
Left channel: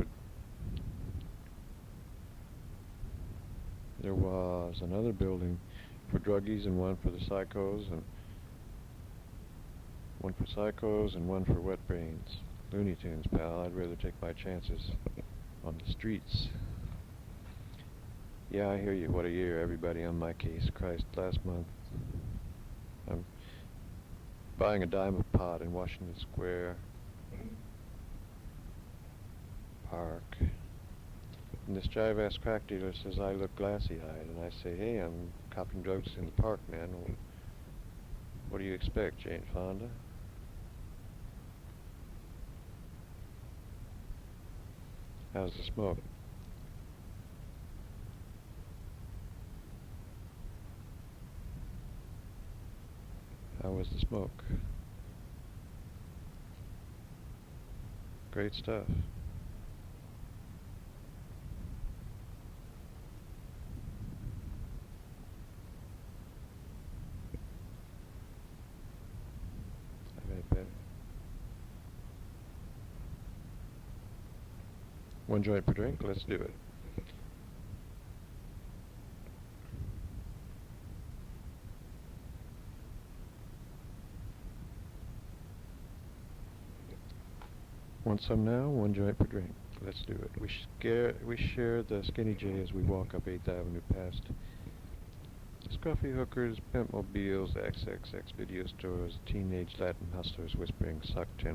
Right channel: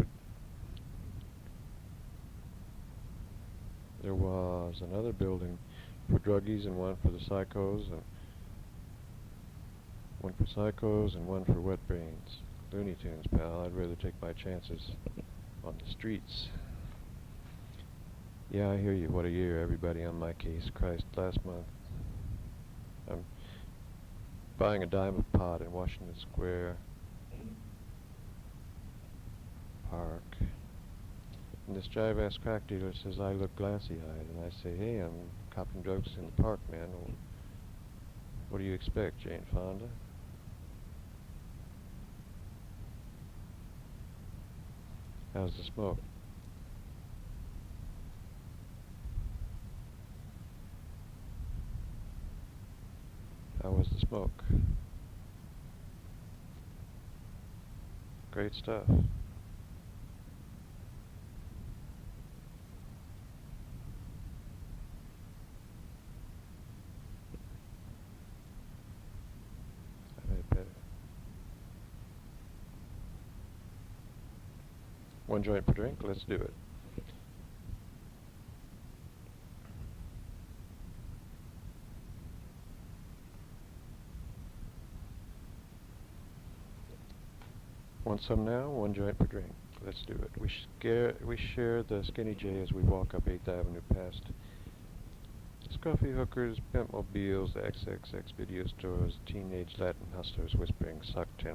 there was another building for druggies and one for the psychos, and one for psychos and one for wet brains. Looney Tunes, pal. I'd rather take my chances on the streets. Yeah, I hear you. What a year. Everybody on my case. Christ, last month I'm buying a dime of pot in Washington Square Park. And this jive-ass crack dealer says I look glassy-eyed. And I say, hey, I'm copping drugs in the park, man. Well, what do you expect, Jane Fonda? How's the smoke? How was the smoke? Great stuff. I made it better. One joint per drink? Let's do it. Want some now? One joint per drink. Let's do it. We share the Skinny J as we walk up 8th Avenue past Scuffy hookers, pimp mobiles, XXX video stores, teenage Latin hustlers whispering, suck $10.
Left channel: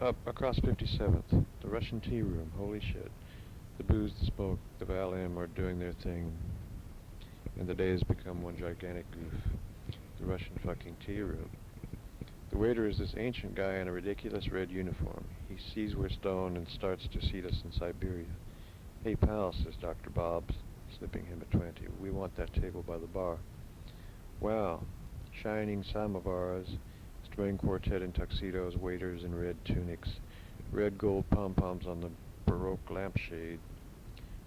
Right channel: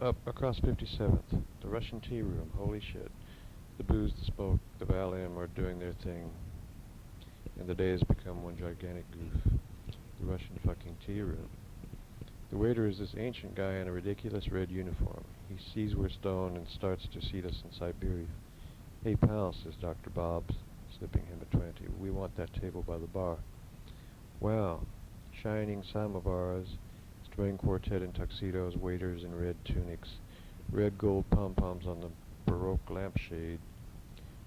Up across 57th, the Russian tea room. Holy shit. The booze, the smoke, the Valium are doing their thing, and the day has become one gigantic goof. The Russian fucking tea room. The waiter is this ancient guy in a ridiculous red uniform. He sees we're stoned and starts to seat us in Siberia. "Hey, pal," says Dr. Bob, slipping him a 20. "We want that table by the bar." Wow. Shining samovars, string quartet in tuxedos, waiters in red tunics, red gold pom-poms on the Baroque lampshade,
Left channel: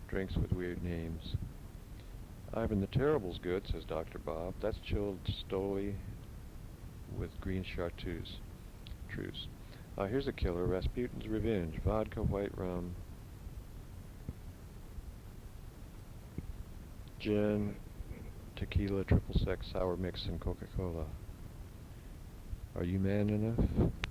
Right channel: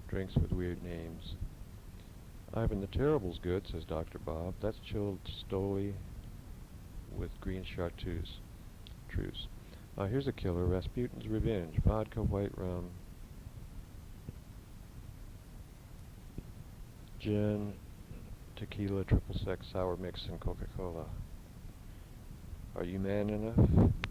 drinks with weird names. "Ivan the Terrible's good," says Dr. Bob. "That's chilled stoli with green chartreuse. Here's a killer, Rasputin's Revenge, vodka, white rum, gin, tequila, triple sec, sour mix, and Coca-Cola. Are you man enough?"